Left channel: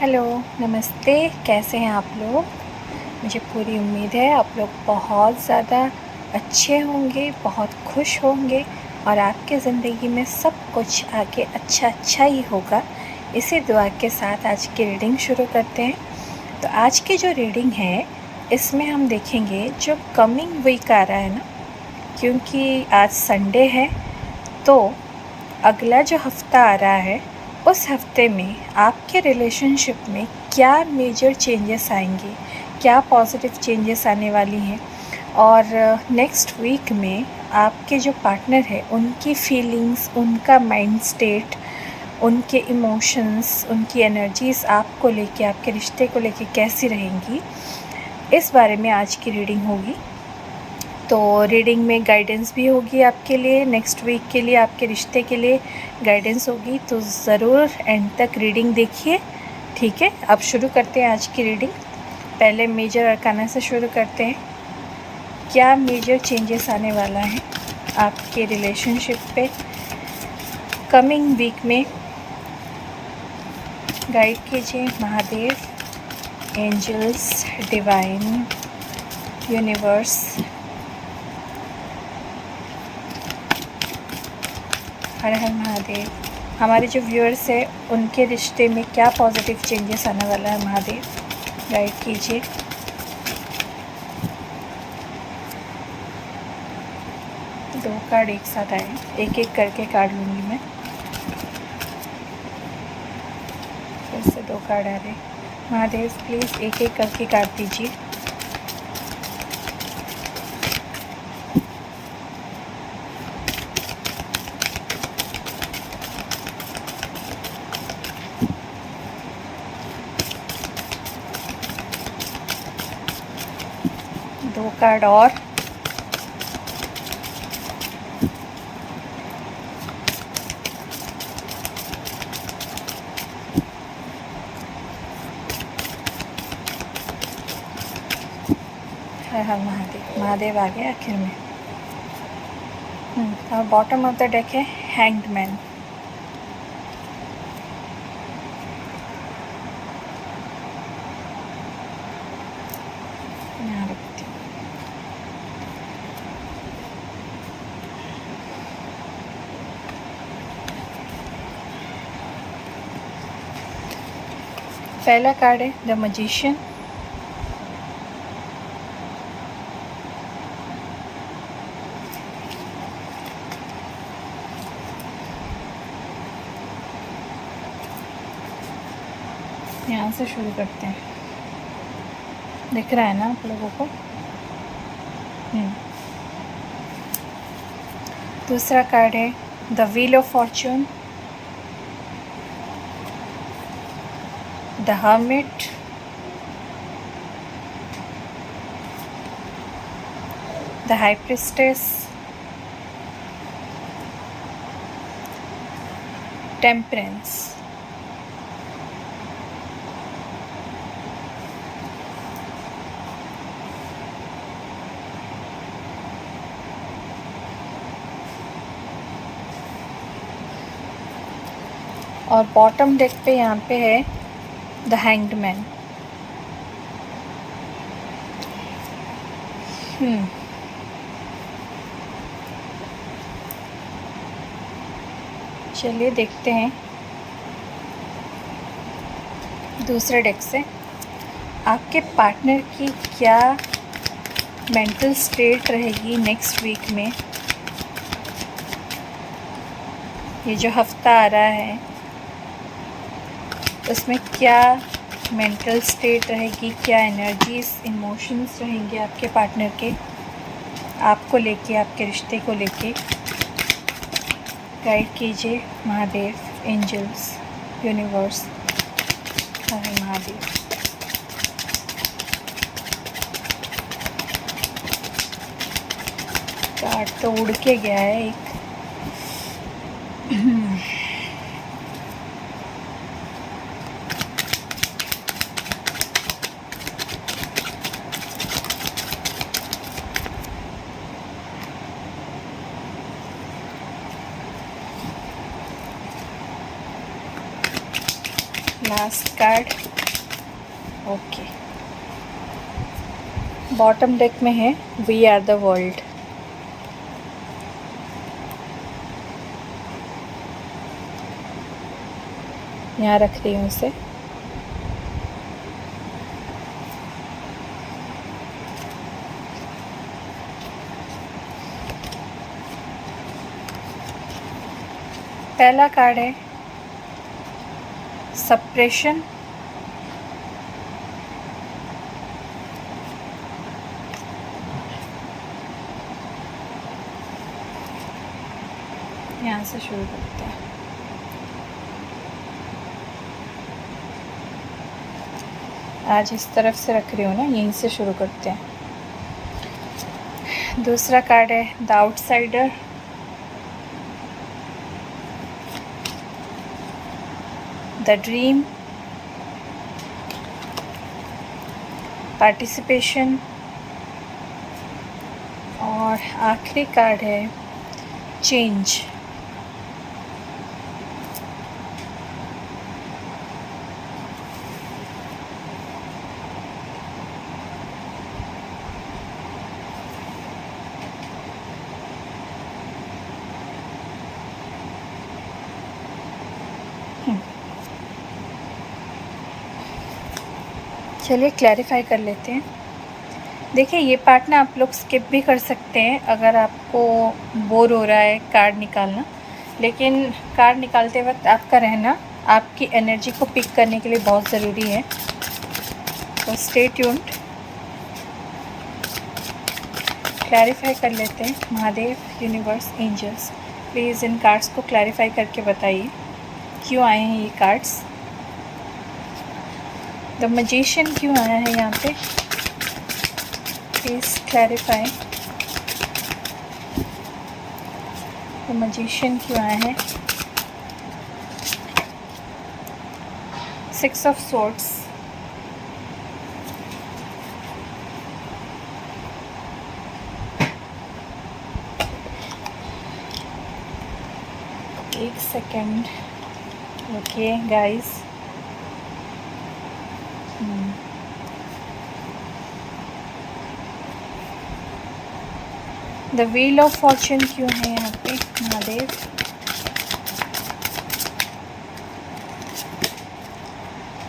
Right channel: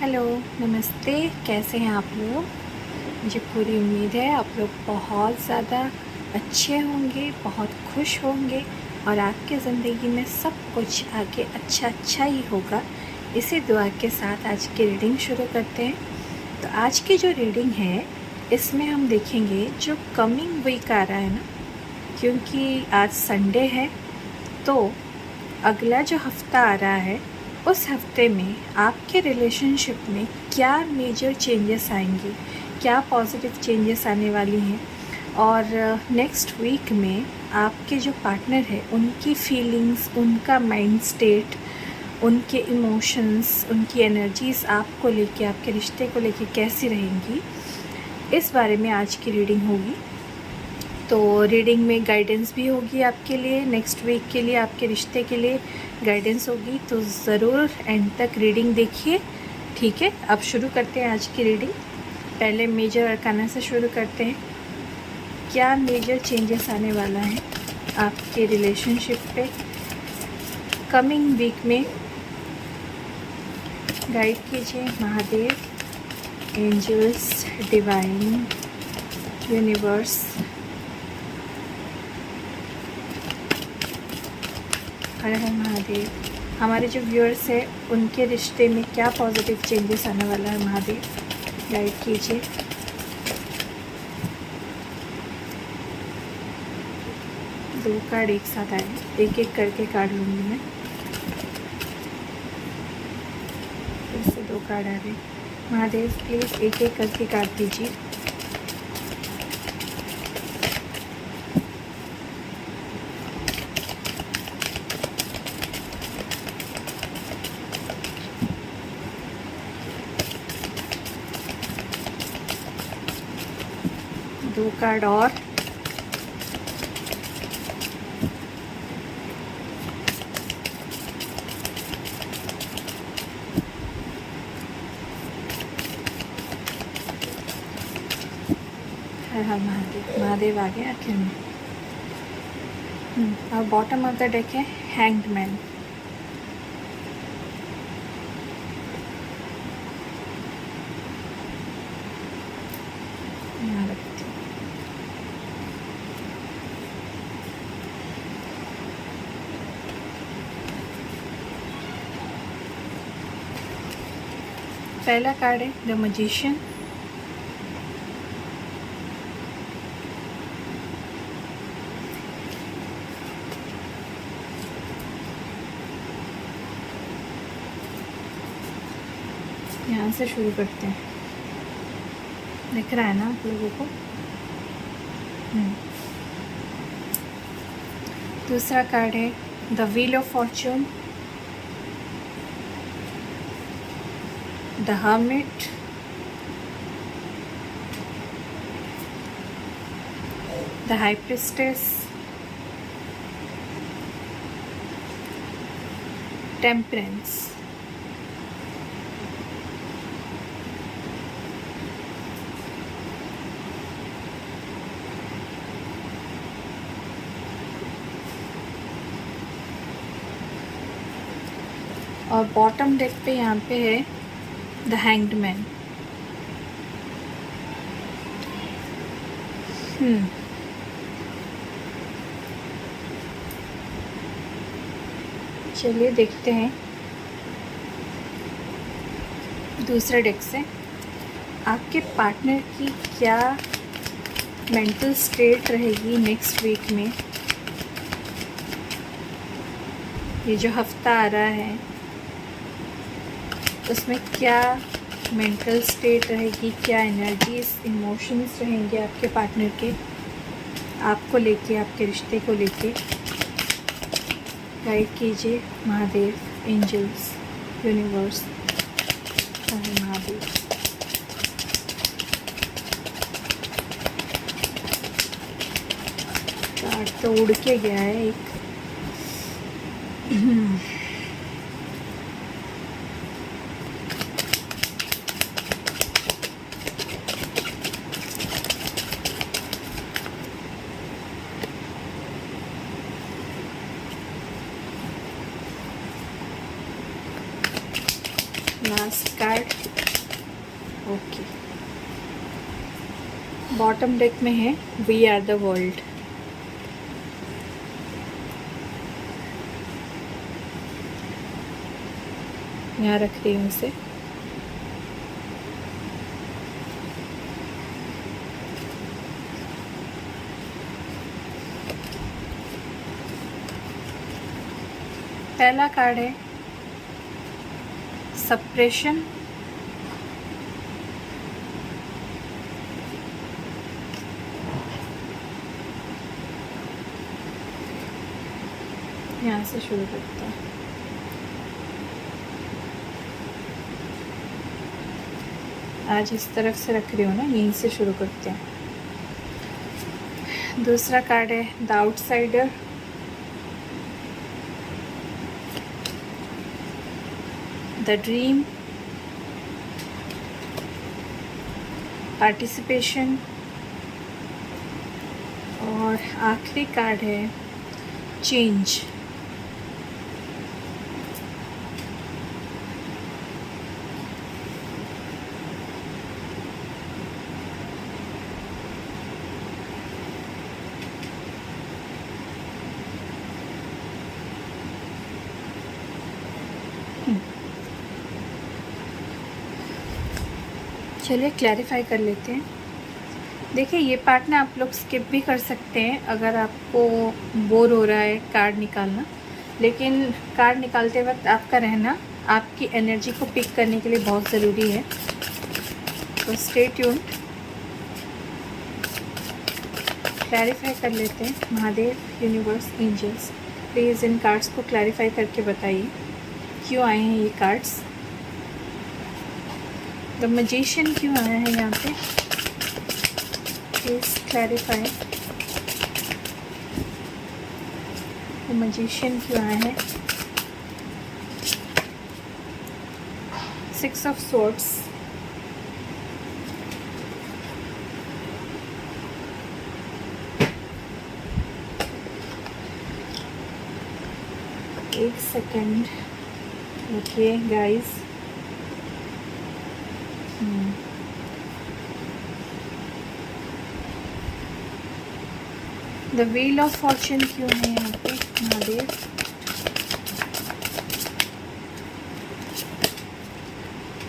Hello, नमस्ते। कैसे हैं आप लोग? मुझे पूरी उम्मीद है आप लोग बहुत ज़्यादा अच्छे होंगे, बहुत खुश होंगे और आपकी ज़िंदगी में सब कुछ आगे अच्छा ही होगा। इसी दुआ के साथ आज की रीडिंग शुरू करते हैं। तो आज की जो रीडिंग है इसमें हम देखेंगे जो कमिंग वीक आ रहा है ना, क्योंकि आज संडे है तो अगला जो हफ़्ता आ रहा है उस हफ्ते में आपके रिलेशनशिप में क्या मेजर चेंजेस आएंगे, क्या पॉजिटिव चेंजेस आने वाली हैं और नेक्स्ट वीक में आपके जो पार्टनर है उनकी फीलिंग्स, उनका माइंड स्टेट, उनके इमोशंस, उनकी एनर्जीज़ आपको लेके, आपके रिश्ते को लेके कैसी रहेंगी, इस बारे में आज की रीडिंग होगी। तो रीडिंग में गाइडेंस भी होगी आपके लिए, नेक्स्ट वीक के लिए आपके रिश्ते के लिए गाइडेंस होगी, तो ज़रूर एंड तक रीडिंग देखिए। ठीक है, अब शुरू करते हैं आज की रीडिंग। पहले मेजर अरकाना से शुरू करते हैं। क्या मेजर चेंजेस आने वाला है आपके रिलेशनशिप पे कमिंग वीक में? गाइड कीजिए महादेव, एंजल्स, डिवाइन, यूनिवर्स। हर हर महादेव। हमारे जो व्यूअर्स हैं उनके रिश्ते में क्या पॉजिटिव चेंजेस आने वाला है महादेव, गाइड कीजिए। दो कार्ड एक साथ आए, एक एक करके कार्ड लूँगी मैं। फिर से दो कार्ड आ रहे। महादेव प्लीज़ एक एक करके कार्ड दीजिए। दो कार्ड और। हर हर महादेव। महादेव आ गए आखिर में। और बॉटम ऑफ द डेक है हैंग्ड मैन। यहाँ रखती हूँ। पहला कार्ड है द मैजिशियन। यहाँ से शुरू करते हैं, दिख रहा है ना आप लोगों को? दूसरा कार्ड है the wheel of Fortune, the hermit, the high priestess, temperance. और बॉटम डेक पे यहाँ पे है द हैंग्ड मैन। चलिए देखते हैं दूसरे डेक से आपके पार्टनर की क्या मेंटल स्टेट रहेगी नेक्स्ट वीक में। ये जो हफ्ता आ रहा है उसमें क्या मेंटल स्टेट रहेगी, क्या एनर्जीज, इमोशंस रहेंगे आपके पार्टनर के, आपको लेके, आपके रिश्ते को लेके। गाइड कीजिए महादेव, एंजल्स, यूनिवर्स। हरे महादेव। कार्ड तो उड़ के गया है एक। Last card. Okay, bottom deck में है वी आर द वर्ल्ड। यहाँ रख रही हूँ उसे। पहला कार्ड है सप्रेशन, यहाँ से शुरू करते हैं। आज इस तरफ से रख रही हूँ ना, यहीं से शुरू करते हैं। दूसरा कार्ड है the outsider, the dream, participation, और आखिरी कार्ड है चेंज। चलिए क्लैरिफाई कर लेते हैं। देखिए, ये पार्ट ना आप लोग स्किप भी कर सकते हैं अगर आपको बोर हो रहा है कार्ड निकालना, लेकिन कार्ड निकालते वक्त आपका रहना आपकी एनर्जी को पिक करने के लिए बहुत ज़रूरी है। तो स्टे ट्यून्ड। क्लैरिफाई कर लेते हैं। महादेव, यूनिवर्स, एंजल्स, प्लीज़ इन कार्ड्स को क्लैरिफाई करके बताइए क्यों आए हैं ये कार्ड्स। द मैजिशियन क्यों आया है यहाँ पे, प्लीज़ क्लैरिफाई। द मैजिशियन क्यों आया है। सिक्स ऑफ सोर्ड्स, एक second. Okay guys, the wheel of Fortune क्यों है यहाँ पे महादेव।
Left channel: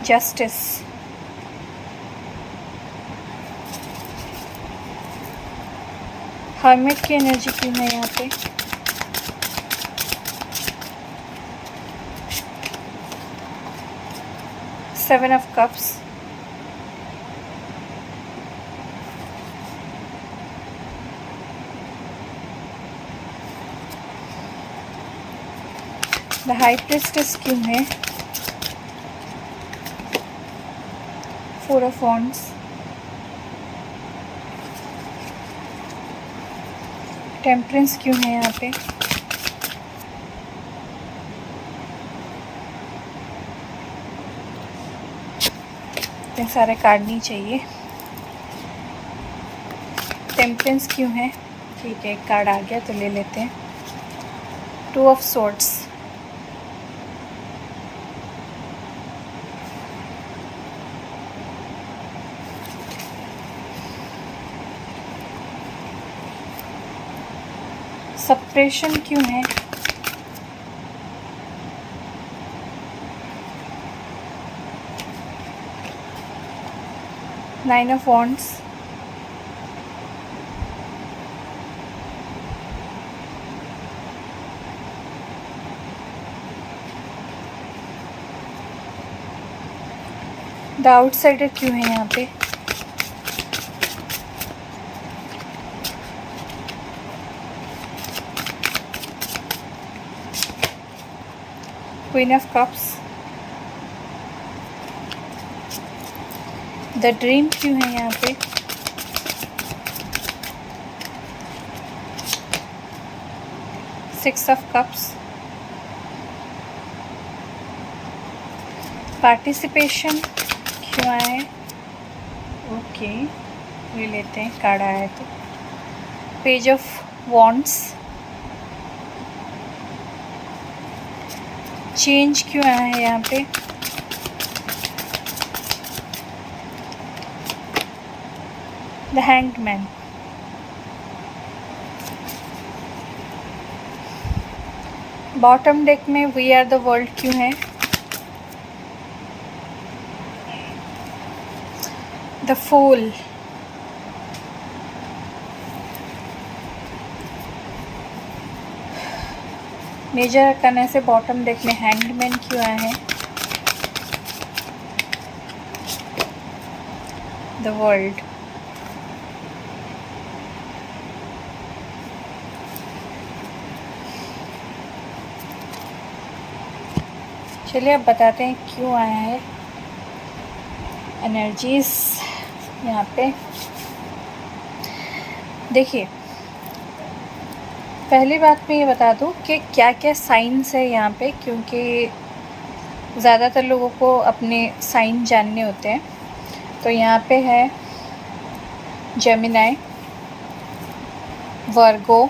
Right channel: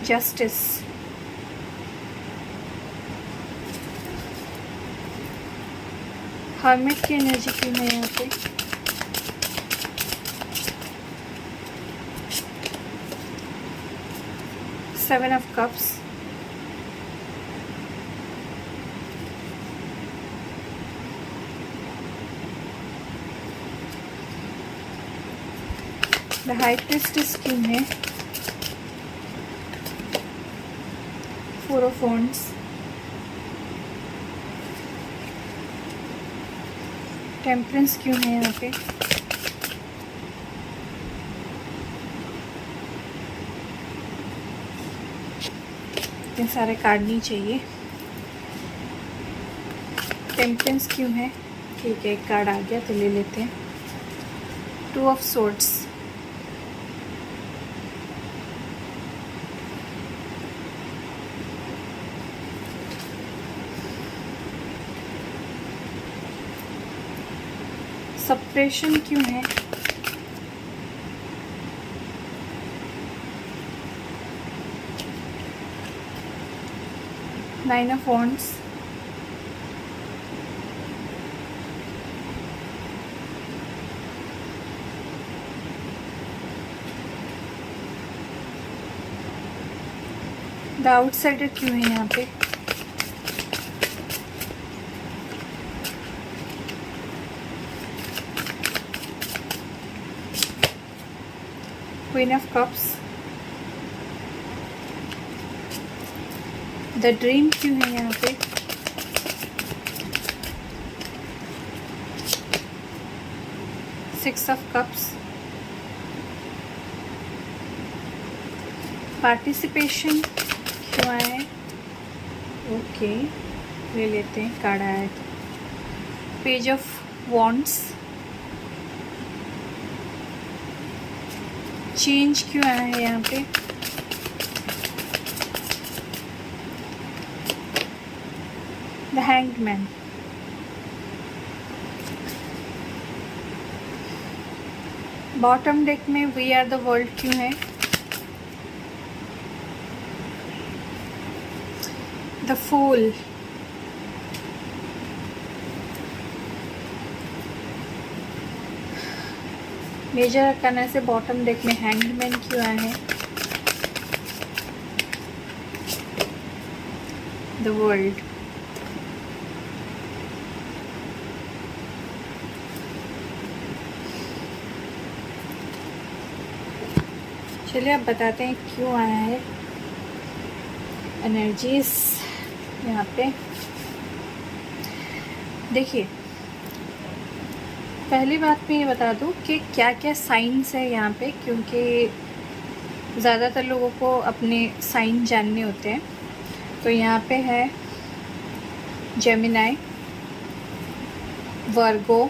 जस्टिस, हर्मिट की एनर्जी क्यों है यहाँ पे। Seven of cups, the high priestess क्यों है। फोर ऑफ वॉन्ड्स, टेम्परेंस क्यों है यहाँ पे। इतने सारे कार्ड नहीं चाहिए। टेम्परेंस क्यों है, ठीक है, एक कार्ड आ गया तो ले लेते हैं। टू ऑफ सोर्ड्स, सप्रेशन क्यों है। Nine of wands, the outsider क्यों है यहाँ पे। Queen of cups, the dream क्यों है यहाँ पे। सिक्स ऑफ कप्स, पार्टिसिपेशन क्यों आया है। ओके, ले लेते हैं, कार्ड आया है तो। पेज ऑफ वॉन्ड्स, चेंज क्यों आया है यहाँ पे। The hanged man. Bottom deck में वी आर द वर्ल्ड क्यों है? The fool. मेजर करने से बॉटम डेक में हैंग्ड मैन क्यों आया है? The world. चलिए अब बताते हैं क्यों आया है एनर्जीज यहाँ पे। देखिए, पहली बात मैं ये बता दूँ कि क्या क्या साइंस है यहाँ पे, क्योंकि ज़्यादातर लोगों को अपने साइन जानने होते हैं। तो यहाँ पे है जेमिनाई, वर्गो,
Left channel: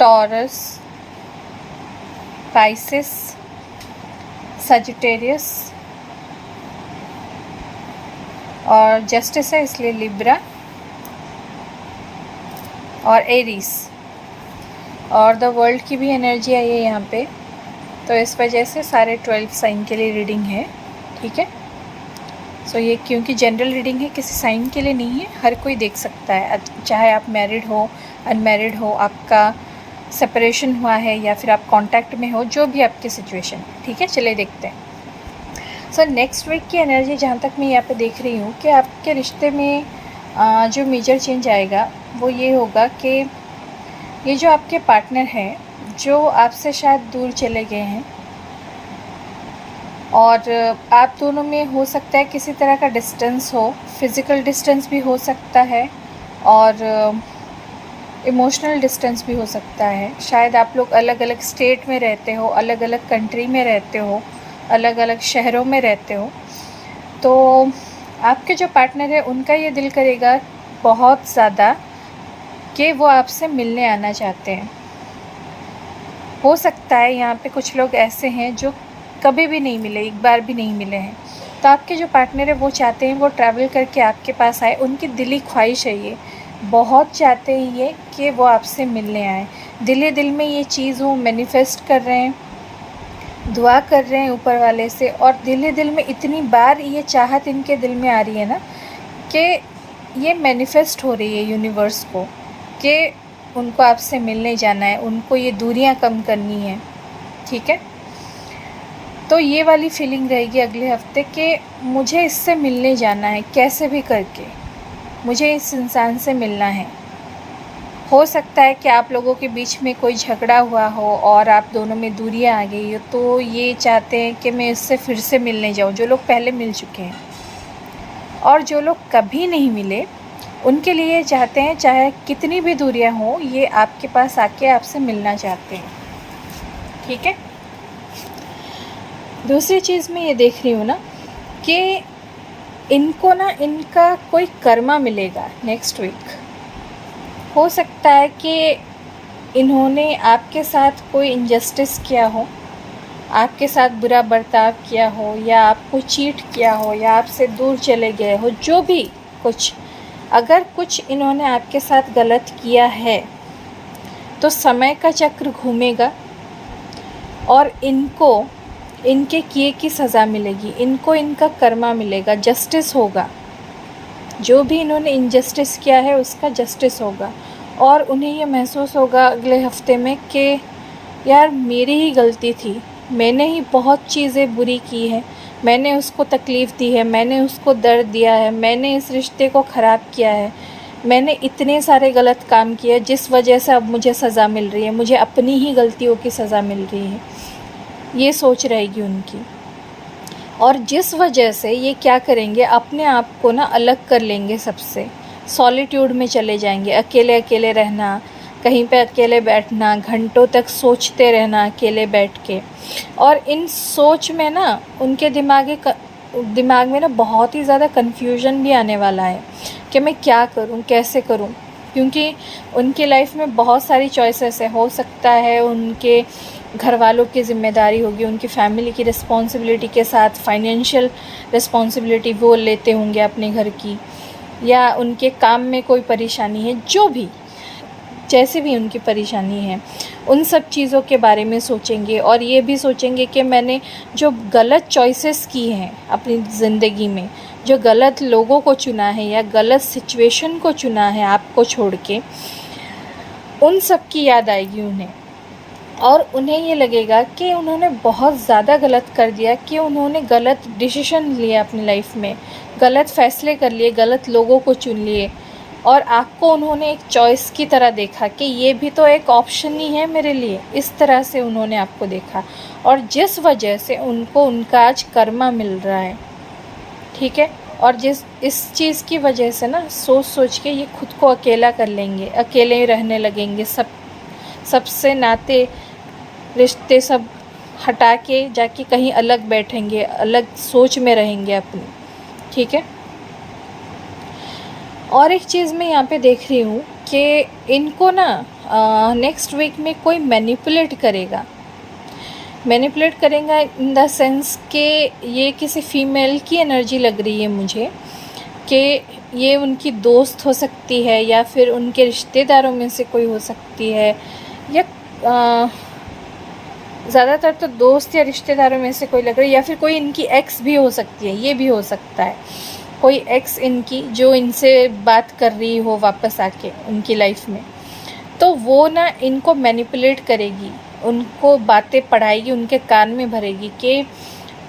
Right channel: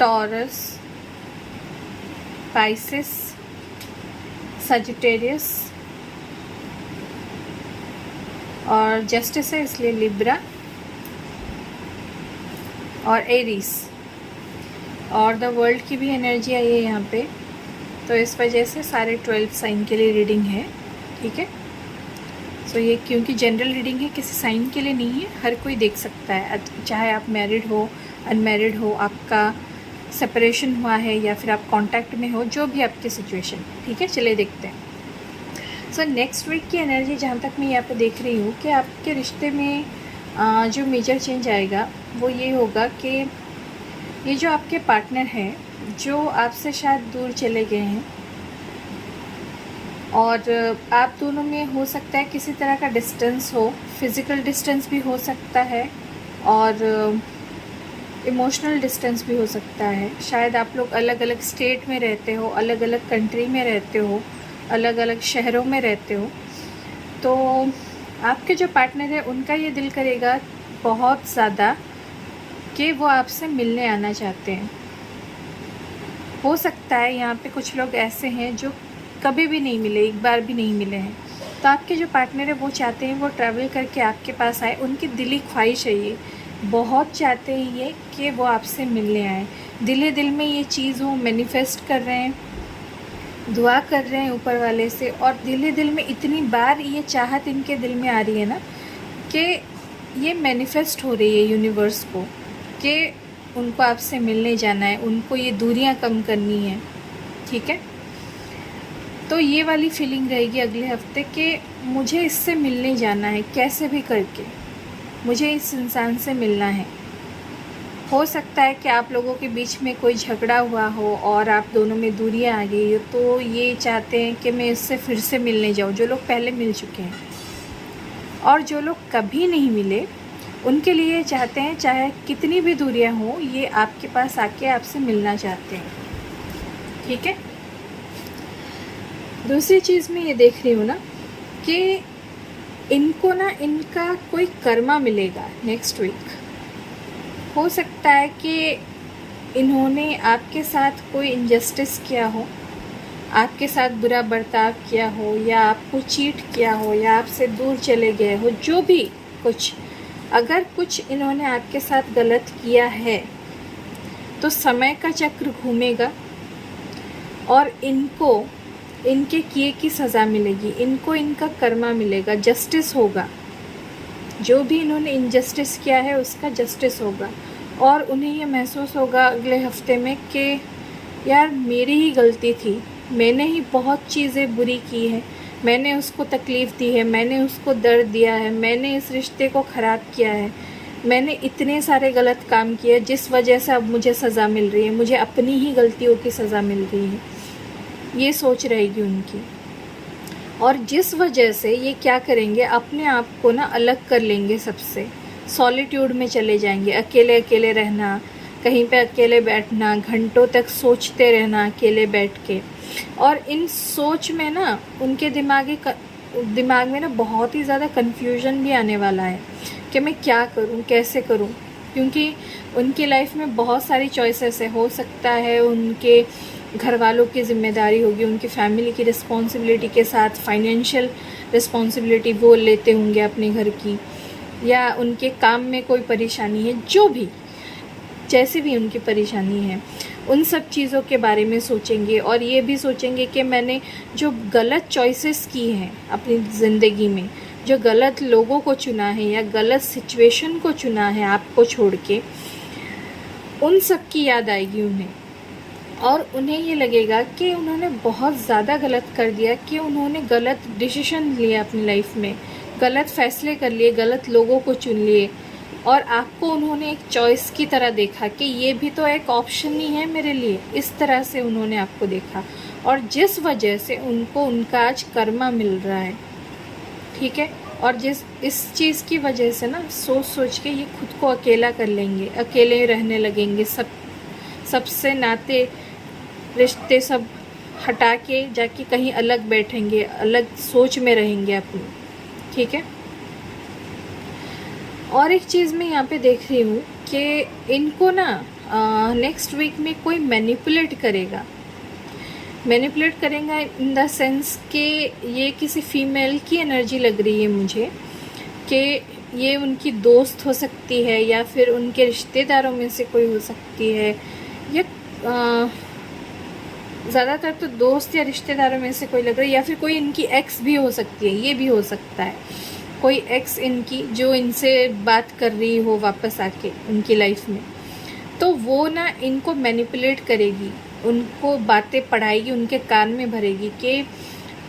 टॉरस, पाइसिस, सजिटेरियस और जस्टिस है इसलिए लिब्रा और एरीज। और द वर्ल्ड की भी एनर्जी आई है यहाँ पे, तो इस वजह से सारे 12 साइन के लिए रीडिंग है। ठीक है, सो ये क्योंकि जनरल रीडिंग है, किसी साइन के लिए नहीं है, हर कोई देख सकता है, चाहे आप मैरिड हो, अनमैरिड हो, आपका सेपरेशन हुआ है या फिर आप कांटेक्ट में हो, जो भी आपकी सिचुएशन। ठीक है, चलिए देखते हैं। सो नेक्स्ट वीक की एनर्जी जहाँ तक मैं यहाँ पे देख रही हूँ कि आपके रिश्ते में जो मेजर चेंज आएगा वो ये होगा कि ये जो आपके पार्टनर हैं, जो आपसे शायद दूर चले गए हैं, और आप दोनों में हो सकता है किसी तरह का डिस्टेंस हो, फिज़िकल डिस्टेंस भी हो सकता है और इमोशनल डिस्टेंस भी हो सकता है। शायद आप लोग अलग अलग स्टेट में रहते हो, अलग अलग कंट्री में रहते हो, अलग अलग शहरों में रहते हो। तो आपके जो पार्टनर है उनका ये दिल करेगा बहुत ज़्यादा कि वो आपसे मिलने आना चाहते हैं। हो सकता है यहाँ पे कुछ लोग ऐसे हैं जो कभी भी नहीं मिले, एक बार भी नहीं मिले हैं। तो आपके जो पार्टनर है वो चाहते हैं वो ट्रैवल करके आपके पास आए, उनकी दिली ख्वाहिश है, ये बहुत चाहते हैं ये कि वो आपसे मिलने आए। दिल में ये चीज़ वो मैनिफेस्ट कर रहे हैं, दुआ कर रहे हैं ऊपर वाले से, और दिल में इतनी बार ये चाहत इनके दिल में आ रही है ना कि ये मैनिफेस्ट हो रही है यूनिवर्स को कि उनको आपसे मिलने जाना है, उनको ये दूरियां कम करनी है। ठीक है, तो ये वाली फीलिंग रहेगी अगले हफ्ते कि मुझे इससे मिलने जाना है, कैसे भी करके मुझे इस इंसान से मिलना है। हो सकता है कि आप लोगों के बीच में कोई झगड़ा हुआ हो और आप दोनों में दूरियां आ गई हो, तो ये चाहते हैं कि मैं इससे फिर से मिलने जाऊं, जो लोग पहले मिल चुके हैं। और जो लोग कभी नहीं मिले उनके लिए चाहते हैं, चाहे कितनी भी दूरियां हो, ये आपके पास आके आपसे मिलना चाहते हैं। ठीक है, दूसरी चीज़ मैं ये देख रही हूँ ना कि इनको ना इनका कोई कर्मा मिलेगा नेक्स्ट वीक। हो सकता है कि इन्होंने आपके साथ कोई इनजस्टिस किया हो, आपके साथ बुरा बर्ताव किया हो, या आपको चीट किया हो, या आपसे दूर चले गए हो, जो भी कुछ, अगर कुछ इन्होंने आपके साथ गलत किया है तो समय का चक्र घूमेगा और इनको इनके किए की सज़ा मिलेगी, इनको इनका कर्मा मिलेगा, जस्टिस होगा। जो भी इन्होंने इनजस्टिस किया है उसका जस्टिस होगा, और उन्हें ये महसूस होगा अगले हफ्ते में कि यार मेरी ही गलती थी, मैंने ही बहुत चीज़ें बुरी की है, मैंने उसको तकलीफ़ दी है, मैंने उसको दर्द दिया है, मैंने इस रिश्ते को ख़राब किया है, मैंने इतने सारे गलत काम किए जिस वजह से अब मुझे सज़ा मिल रही है, मुझे अपनी ही गलतियों की सज़ा मिल रही है। ये सोच रहेगी उनकी, और जिस वजह से ये क्या करेंगे, अपने आप को ना अलग कर लेंगे सबसे, सॉलिट्यूड में चले जाएंगे, अकेले अकेले रहना, कहीं पे अकेले बैठना, घंटों तक सोचते रहना अकेले बैठ के। और इन सोच में ना उनके दिमाग में ना बहुत ही ज़्यादा कन्फ्यूजन भी आने वाला है कि मैं क्या करूं, कैसे करूं, क्योंकि उनकी लाइफ में बहुत सारी चॉइसेस है। हो सकता है उनके घर वालों की ज़िम्मेदारी होगी, उनकी फैमिली की रिस्पॉन्सिबिलिटी के साथ फाइनेंशियल रिस्पॉन्सिबिलिटी वो लेते होंगे अपने घर की, या उनके काम में कोई परेशानी है, जो भी जैसे भी उनकी परेशानी है, उन सब चीज़ों के बारे में सोचेंगे। और ये भी सोचेंगे कि मैंने जो गलत चॉइसेस की हैं अपनी ज़िंदगी में, जो गलत लोगों को चुना है या गलत सिचुएशन को चुना है आपको छोड़ के, उन सब की याद आएगी उन्हें। और उन्हें ये लगेगा कि उन्होंने बहुत ज़्यादा गलत कर दिया, कि उन्होंने गलत डिसीजन लिया अपनी लाइफ में, गलत फ़ैसले कर लिए, गलत लोगों को चुन लिए, और आपको उन्होंने एक चॉइस की तरह देखा कि ये भी तो एक ऑप्शन ही है मेरे लिए। इस तरह से उन्होंने आपको देखा, और जिस वजह से उनको उनका आज कर्मा मिल रहा है, ठीक है। और इस चीज़ की वजह से ना सोच के ये खुद को अकेला कर लेंगे, अकेले रहने लगेंगे, सबसे नाते रिश्ते सब हटा के जाके कहीं अलग बैठेंगे, अलग सोच में रहेंगे अपनी, ठीक है। और एक चीज़ मैं यहाँ पे देख रही हूँ कि इनको ना नेक्स्ट वीक में कोई मैनिपुलेट करेगा इन द सेंस कि ये किसी फीमेल की एनर्जी लग रही है मुझे, कि ये उनकी दोस्त हो सकती है, या फिर उनके रिश्तेदारों में से कोई हो सकती है, या ज़्यादातर तो दोस्त या रिश्तेदारों में से कोई लग रही है, या फिर कोई इनकी एक्स भी हो सकती है। ये भी हो सकता है कोई एक्स इनकी जो इनसे बात कर रही हो वापस आके उनकी लाइफ में, तो वो ना इनको मैनिपुलेट करेगी, उनको बातें पढ़ाएगी, उनके कान में भरेगी कि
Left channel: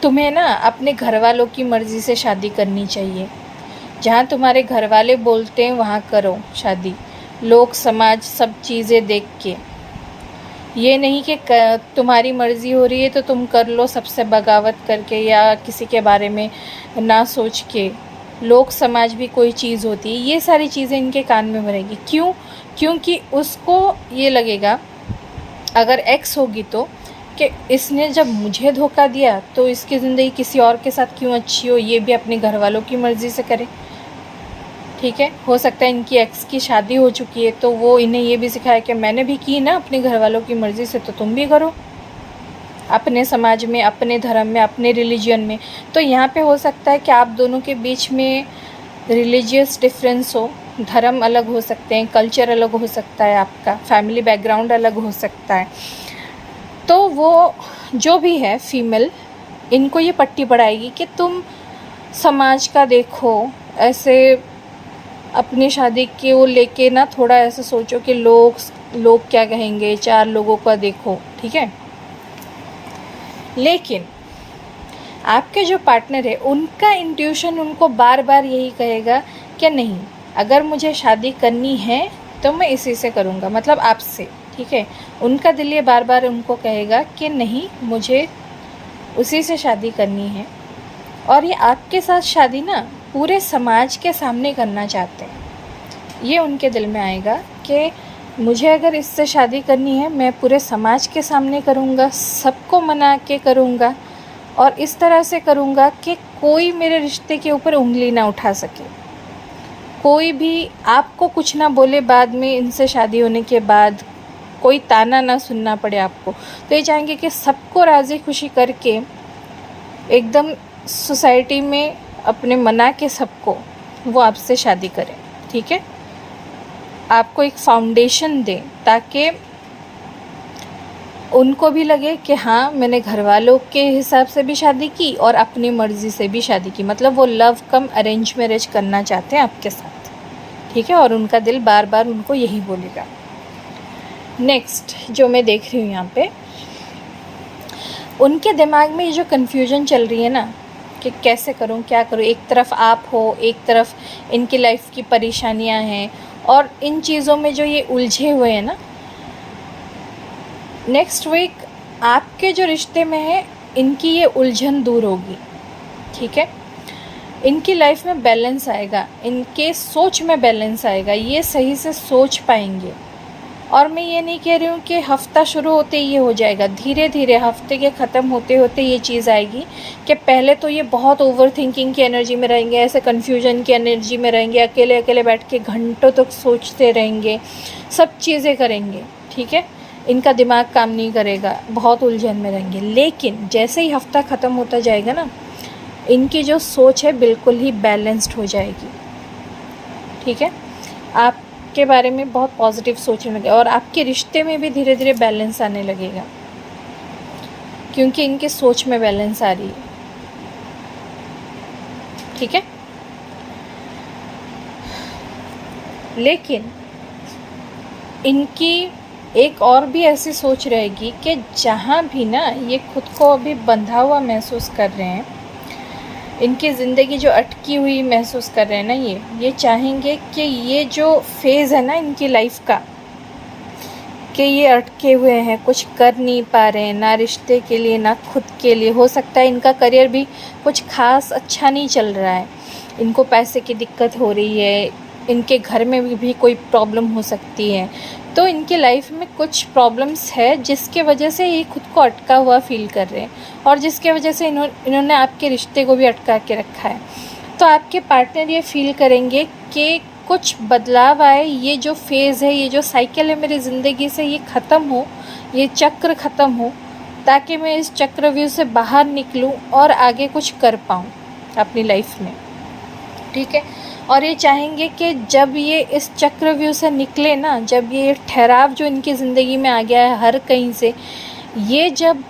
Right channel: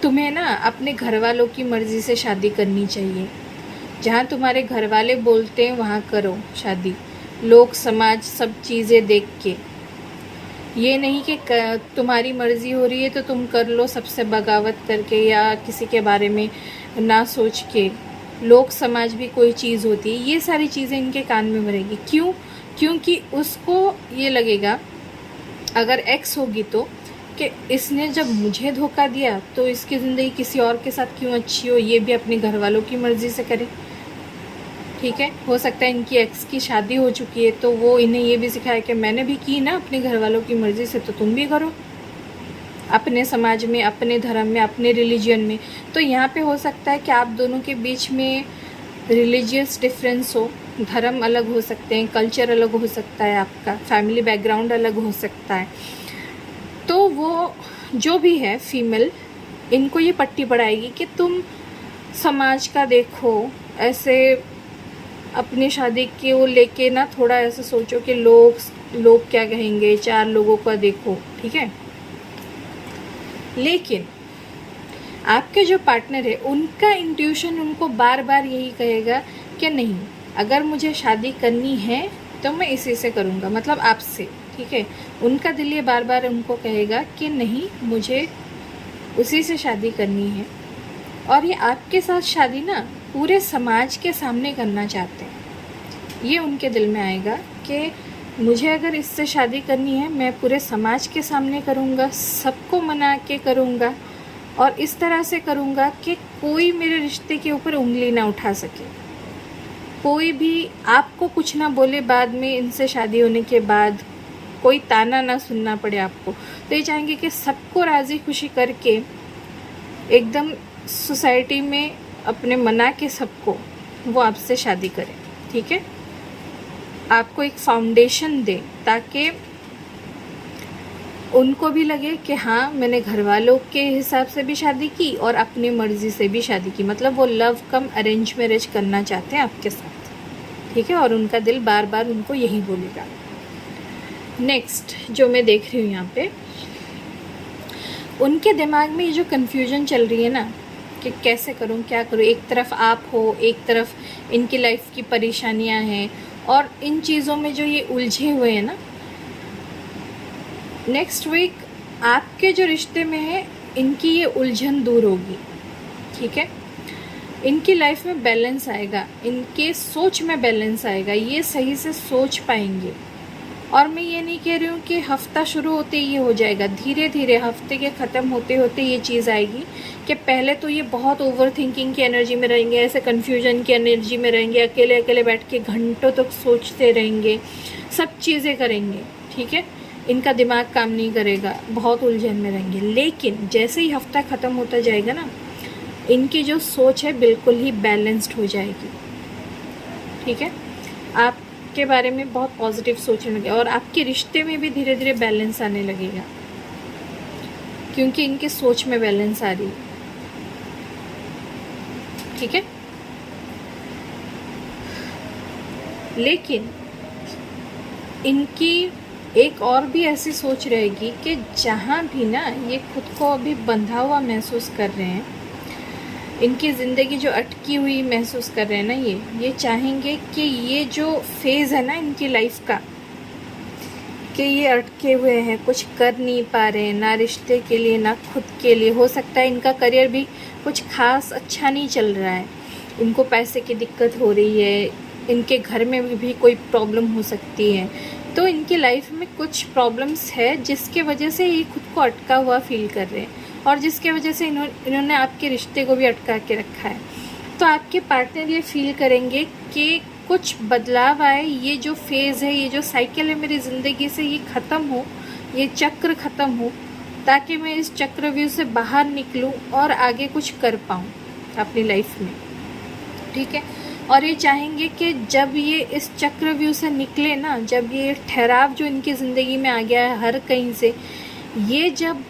तुम्हें ना अपने घर वालों की मर्ज़ी से शादी करनी चाहिए, जहाँ तुम्हारे घर वाले बोलते हैं वहाँ करो शादी, लोग समाज सब चीज़ें देख के। ये नहीं कि तुम्हारी मर्ज़ी हो रही है तो तुम कर लो सबसे बगावत करके, या किसी के बारे में ना सोच के। लोग समाज भी कोई चीज़ होती है, ये सारी चीज़ें इनके कान में भरेगी। क्यों? क्योंकि उसको ये लगेगा, अगर एक्स होगी तो, कि इसने जब मुझे धोखा दिया तो इसकी ज़िंदगी किसी और के साथ क्यों अच्छी हो, ये भी अपने घर वालों की मर्ज़ी से करे, ठीक है। हो सकता है इनकी एक्स की शादी हो चुकी है, तो वो इन्हें ये भी सिखाया कि मैंने भी की ना अपने घर वालों की मर्ज़ी से, तो तुम भी करो अपने समाज में, अपने धर्म में, अपने रिलीजन में। तो यहाँ पे हो सकता है कि आप दोनों के बीच में रिलीजियस डिफरेंस हो, धर्म अलग हो सकते हैं, कल्चर अलग हो सकता है, आपका फैमिली बैकग्राउंड अलग हो सकता है। तो वो जो भी है फीमेल, इनको ये पट्टी पड़ाएगी कि तुम समाज का देखो, ऐसे अपनी शादी के वो लेके ना थोड़ा ऐसे सोचो कि लोग क्या कहेंगे, चार लोगों का देखो, ठीक है। लेकिन आपके जो पार्टनर है, उनका इंट्यूशन उनको बार बार यही कहेगा कि नहीं, अगर मुझे शादी करनी है तो मैं इसी से करूँगा, मतलब आपसे, ठीक है। उनका दिल ये बार बार उनको कहेगा कि नहीं, मुझे उसी से शादी करनी है। और ये आपके साथ शादी ना पूरे समाज के सामने करना चाहते हैं। ये उनके दिल में आएगा कि मुझे अगर इससे शादी करनी है, मैं पूरे समाज के सामने करूँगा, सबको मना के करूँगा, और इस तरह से करूँगा कि कोई मेरे रिश्ते के ऊपर उंगली ना उठा सके, कोई भी आपको कुछ ना बोले बाद में, इनसे शादी होने के बाद कोई ताना ना सुनना पड़े आपको। तो ये चाहेंगे कि सबको राज़ी खुशी करके एकदम सोसाइटी में अपने मना के सबको वो आपसे शादी करें, ठीक है। आपको एक फाउंडेशन दें ताकि उनको भी लगे कि हाँ, मैंने घर वालों के हिसाब से भी शादी की और अपनी मर्ज़ी से भी शादी की, मतलब वो लव कम अरेंज मैरिज करना चाहते हैं आपके साथ, ठीक है। और उनका दिल बार बार उनको यही बोलेगा। नेक्स्ट जो मैं देख रही हूँ यहाँ पे, उनके दिमाग में ये जो कन्फ्यूजन चल रही है ना कि कैसे करूँ, क्या करूँ, एक तरफ आप हो, एक तरफ इनकी लाइफ की परेशानियाँ हैं, और इन चीज़ों में जो ये उलझे हुए हैं ना, नेक्स्ट वीक आपके जो रिश्ते में है, इनकी ये उलझन दूर होगी, ठीक है। इनकी लाइफ में बैलेंस आएगा, इनके सोच में बैलेंस आएगा, ये सही से सोच पाएंगे। और मैं ये नहीं कह रही हूँ कि हफ़्ता शुरू होते ही ये हो जाएगा, धीरे धीरे हफ्ते के ख़त्म होते होते ये चीज़ आएगी कि पहले तो ये बहुत ओवर थिंकिंग की एनर्जी में रहेंगे, ऐसे कन्फ्यूजन की एनर्जी में रहेंगे, अकेले अकेले बैठ के घंटों तक सोचते रहेंगे, सब चीज़ें करेंगे, ठीक है। इनका दिमाग काम नहीं करेगा, बहुत उलझन में रहेंगे। लेकिन जैसे ही हफ्ता ख़त्म होता जाएगा ना, इनकी जो सोच है बिल्कुल ही बैलेंस्ड हो जाएगी। ठीक है, आपके बारे में बहुत पॉजिटिव सोचने लगे और आपके रिश्ते में भी धीरे धीरे बैलेंस आने लगेगा, क्योंकि इनकी सोच में बैलेंस आ रही है। ठीक है, लेकिन इनकी एक और भी ऐसी सोच रहेगी कि जहाँ भी ना ये खुद को अभी बंधा हुआ महसूस कर रहे हैं, इनकी ज़िंदगी जो अटकी हुई महसूस कर रहे हैं ना, ये चाहेंगे कि ये जो फेज़ है ना इनकी लाइफ का, कि ये अटके हुए हैं, कुछ कर नहीं पा रहे हैं, ना रिश्ते के लिए ना खुद के लिए। हो सकता है इनका करियर भी कुछ खास अच्छा नहीं चल रहा है, इनको पैसे की दिक्कत हो रही है, इनके घर में भी कोई प्रॉब्लम हो सकती है। तो इनकी लाइफ में कुछ प्रॉब्लम्स है जिसके वजह से ये खुद को अटका हुआ फील कर रहे हैं और जिसके वजह से इन्होंने आपके रिश्ते को भी अटका के रखा है। तो आपके पार्टनर ये फील करेंगे कि कुछ बदलाव आए, ये जो फेज़ है, ये जो साइकिल है मेरी ज़िंदगी से, ये ख़त्म हो, ये चक्र ख़त्म हो, ताकि मैं इस चक्रव्यूह से बाहर निकलूं और आगे कुछ कर पाऊं अपनी लाइफ में। ठीक है, और ये चाहेंगे कि जब ये इस चक्रव्यूह से निकले ना, जब ये ठहराव जो इनकी ज़िंदगी में आ गया है हर कहीं से, ये जब